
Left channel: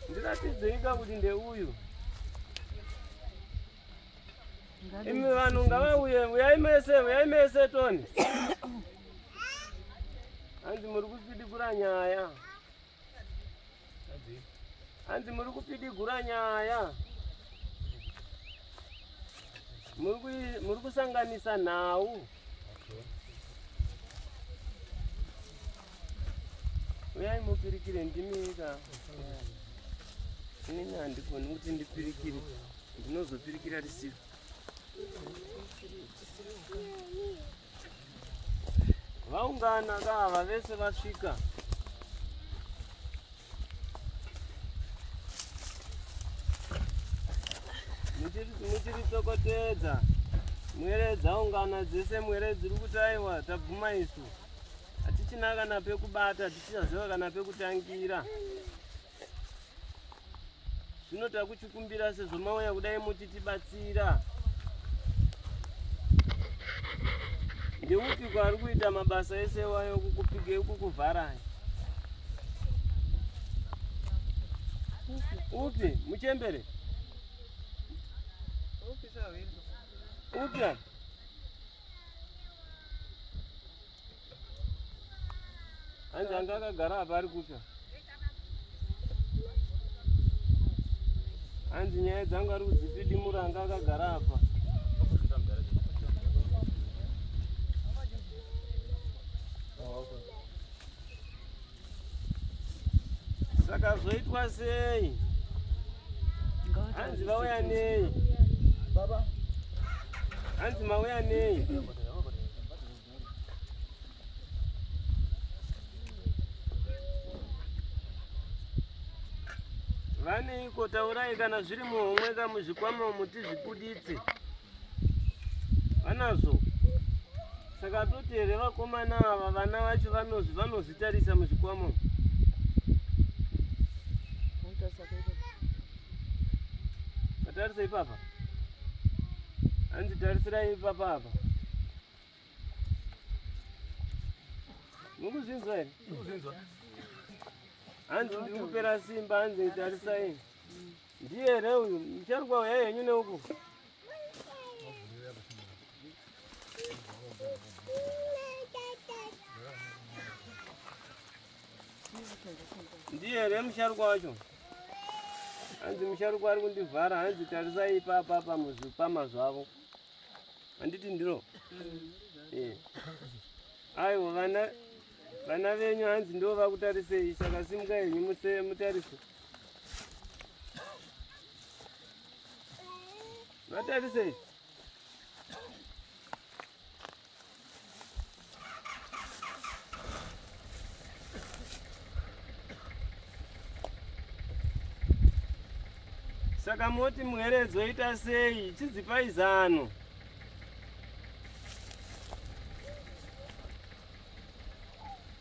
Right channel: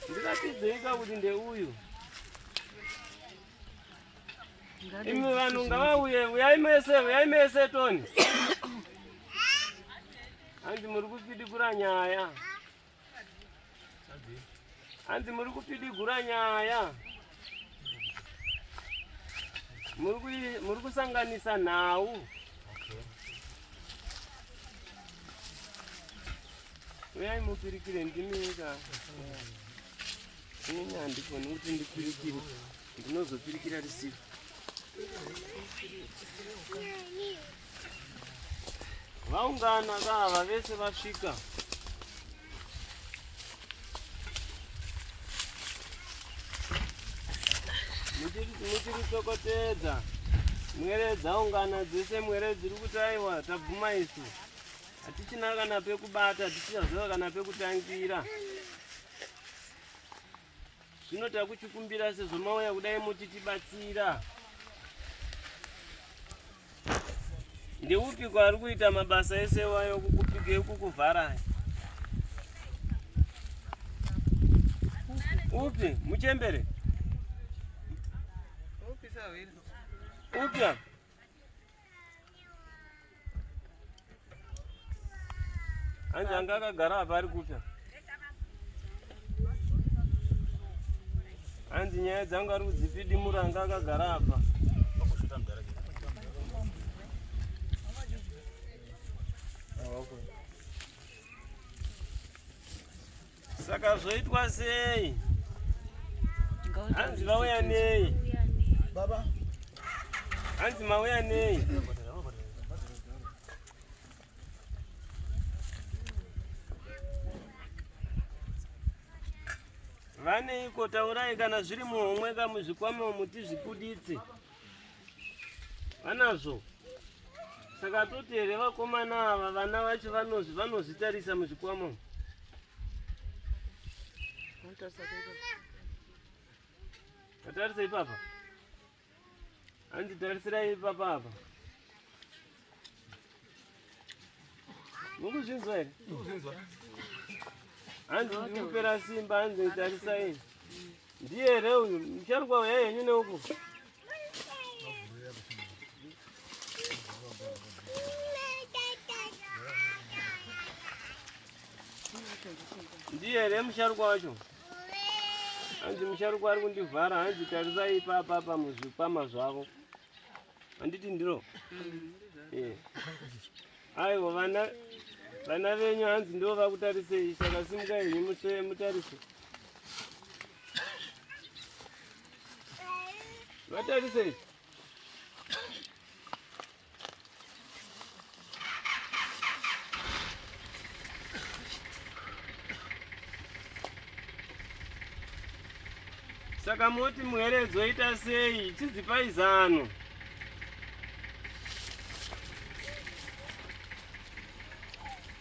Ndikatidzika kuti ndeuyu. Imi vanhu ngavauye, uyai mese Toni. Hanzi muri kupidigura nyaya. Hanzi muri kupidigura nyaya. Muri kusanganisa nhau. uyai mupirikire ndimika inini handikoni kuti ndipirikire ndinozopirikira risivo vaungana kava vese vasvika muchiritsokotedza mwere dzaungana dzese mwere dziri kutaiwa tabvuma isu hatichina kana pekubata hatichaziva kana pekutangira zvino takuchikumbira sezvo mauya kudai muchitibatsira ndeupi kwari kuita mabasa ese wayo kukuvharai upi muchembere upya hanzi anga akagara apa ari kupya hanzi nyaya dzangu ari kudzipidimura anga akagara apa saka zvoitwa sei hanzi vauya nei baba hanzi mauya nei vaneiko taurai kana zviri muhomwe kamuzvikwama muti zvipuditse vanazvo saka toti here vakomana ava vana vacho vanozvitarisa muzvikwama tatarisa ipapa hanzi tarisirai ipapa apa mukuzvinzwa here hanzi ndiri kupera simba hanzi tarisai ndiye here uyu mucharuka uya henyu neuku ndiye here musharuka wacho hanzi musharuka ari kundivhara hanzi tarisai ipapa muzvikwama zvavo handiti ndiro aiwa vana venyu hanzi ndo vakutarisei saka simuka henyu mutarise vatarisei saka moti mwere dzoita sei chidzipai zano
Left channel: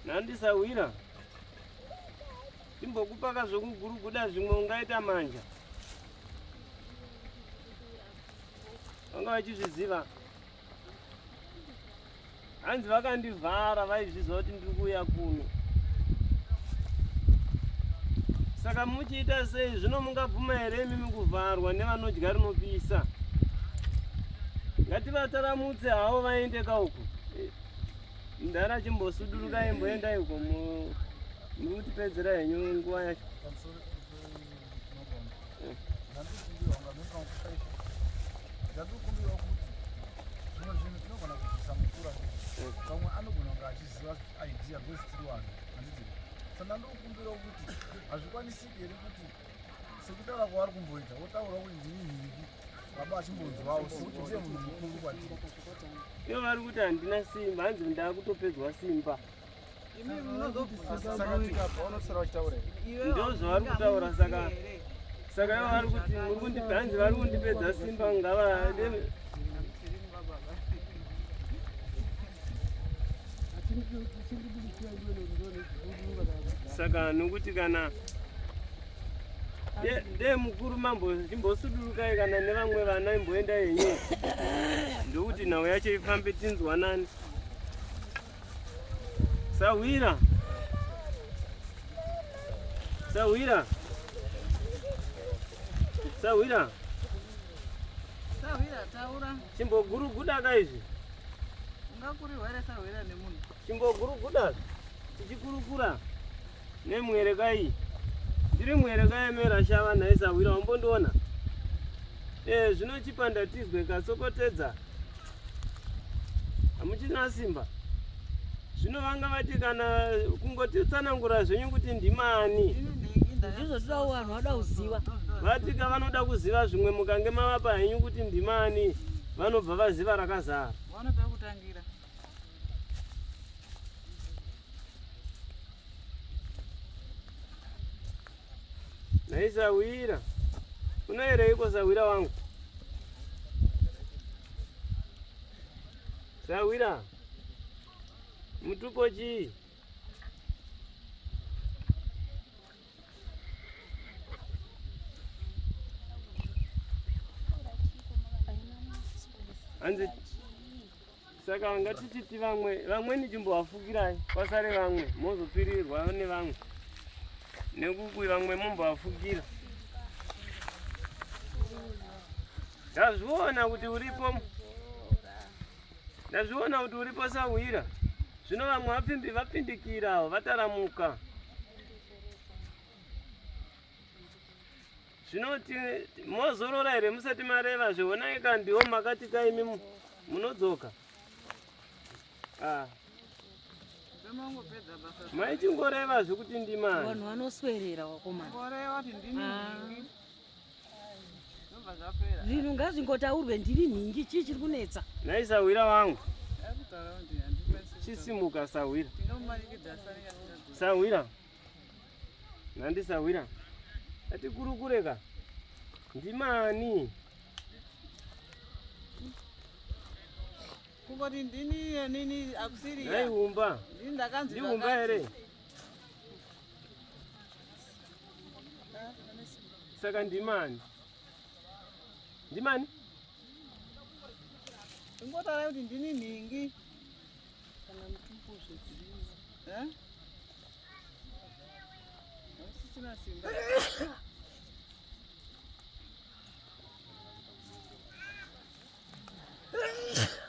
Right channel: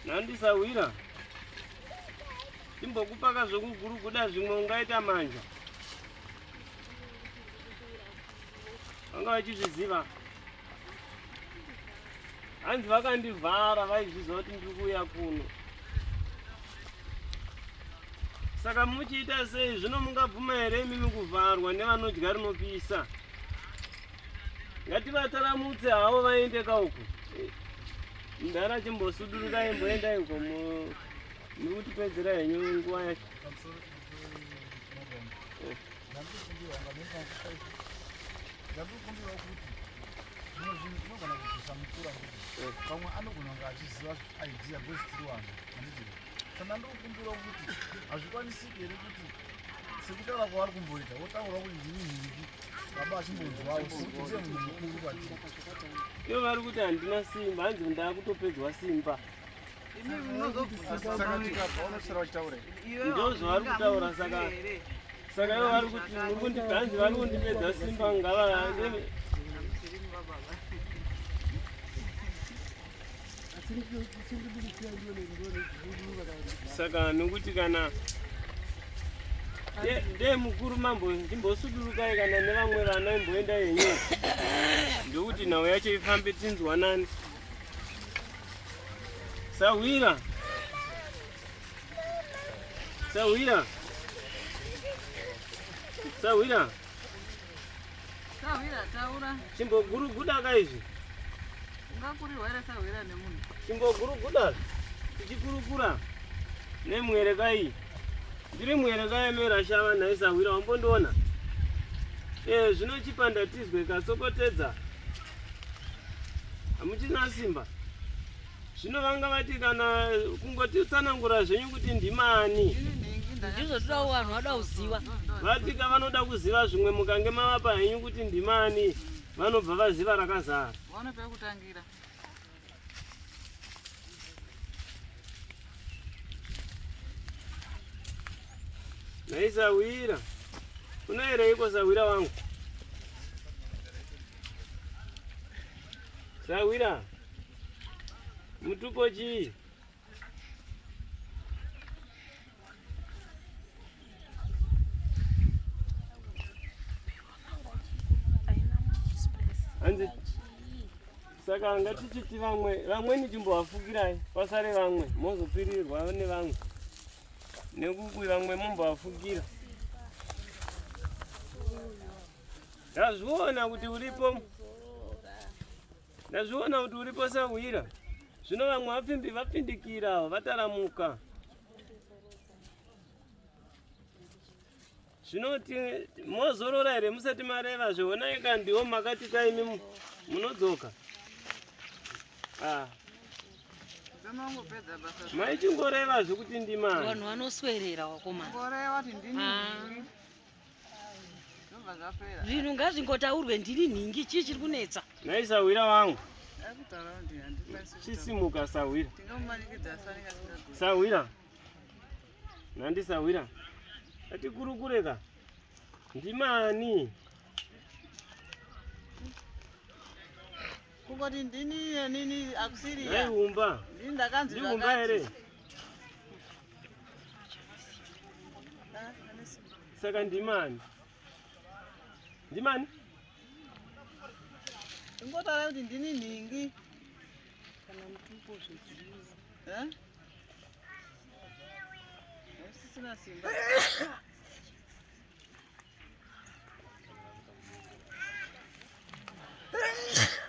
nandisawira timbokupaka zvokuguruguda zvimwe ungaita manja vanga vachizviziva hanzi vakandivhara vaizviziva kuti ndiri kuuya kuno saka muchiita sei zvino mungabvuma here imimi kuvharwa nevanodya rinopisa ngativataramutse havo vaende kauko ndara chimbosudurukai mboendai uko muri kutipedzera henyu nguva yacho ndandikumbirawo kuti zvimwe zvinhu tinogona kuzosamukura pamwe anogona kunge achiziva idea gwezitiri vanhu handiti saka ndandikumbirawo kuti hazvikwanisiki here kuti sekutaura kwavari kumboita wotaura kuti ndini nhiki baba achimbonzwawo sekuti ndiye munhu mukuru kwatiri ivo vari kuti handina simba hanzi ndaakutopedzwa simba saka tikabva unosara vachitaura ndo zvavari kutaura saka ivo vari kuti hanzi vari kundipedza simba ngava saka nokuti kana de mukuru mambo ndimbosudurukai kana nevamwe vana imboenda henyu ndokuti nhau yacho ifambe tinzwanani sawira taura chimboguruguda kaizvi ungakurirwa here sawira nemunhu chimboguruguda tichikurukura nemwerekai ndiri mwerekai merashava nhaisawira wambondiona zvino chipanda tizwe kasokotedza hamuchina simba Zvino vanga vati kana kungoti utsanangura zvenyu kuti ndimani. Ndizvo toda vanhu vada kuziva. Vati vanoda kuziva zvimwe mukange mavapa henyu kuti ndimani vanobva vaziva rakazara. Vanopa kutangira. Naisawira. Unoereiko Sawira wangu? Sawira. Mutuko chii? Anzi saka ngatichiti vamweni chimbovafukirai pasare vamwe mozopirirwa nevamwe nekukui vamwe mombovafukira. Ndazviona kuti uripo. Ndazviona kuti uripo Sawira. Zvino vamwe vapindikira vataramuka. Zvinoti mozorora here musati mareva zveona ika ndiwo makati kaimi munodzoka. Maichingoreva zvekuti ndimani. Vanhu vanoswerera wakomana. Ngoreva kuti ndini. Zvinhu ngazvingotaurwe ndiri nhingi chii chiri kunetsa. Naisawira wangu. Chisimuka Sawira. Sawira. Nandi Sawira. Ati kurukureka. Ndimani. Kungoti ndini nini akusiri. Ndaiumba. Ndiumba here. Saka ndimani. Ndimani? Ngotara kuti ndini nhingi. Kana mutumbo zvedziwa. Sisina simba.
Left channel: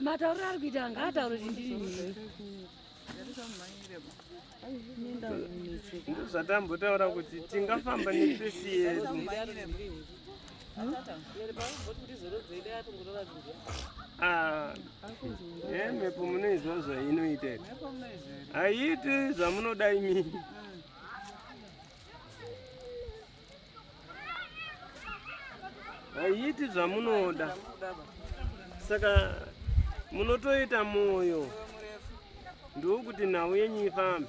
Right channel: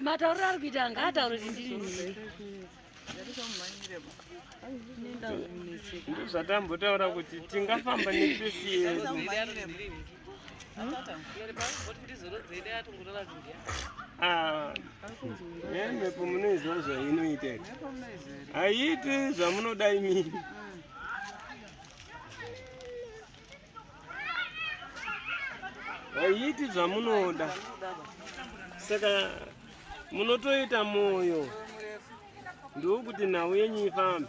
Matauriro ari kuita ngaataure kuti ndiri nhingi. Ndizvo zvatambotaura kuti tingafamba nepesi yedu. Mhepo munoizwa zvainoita. Haiti zvamunoda imini. Haiti zvamunoda. Saka munotoita moyo. Ndokuti nhau yenyu ifambe.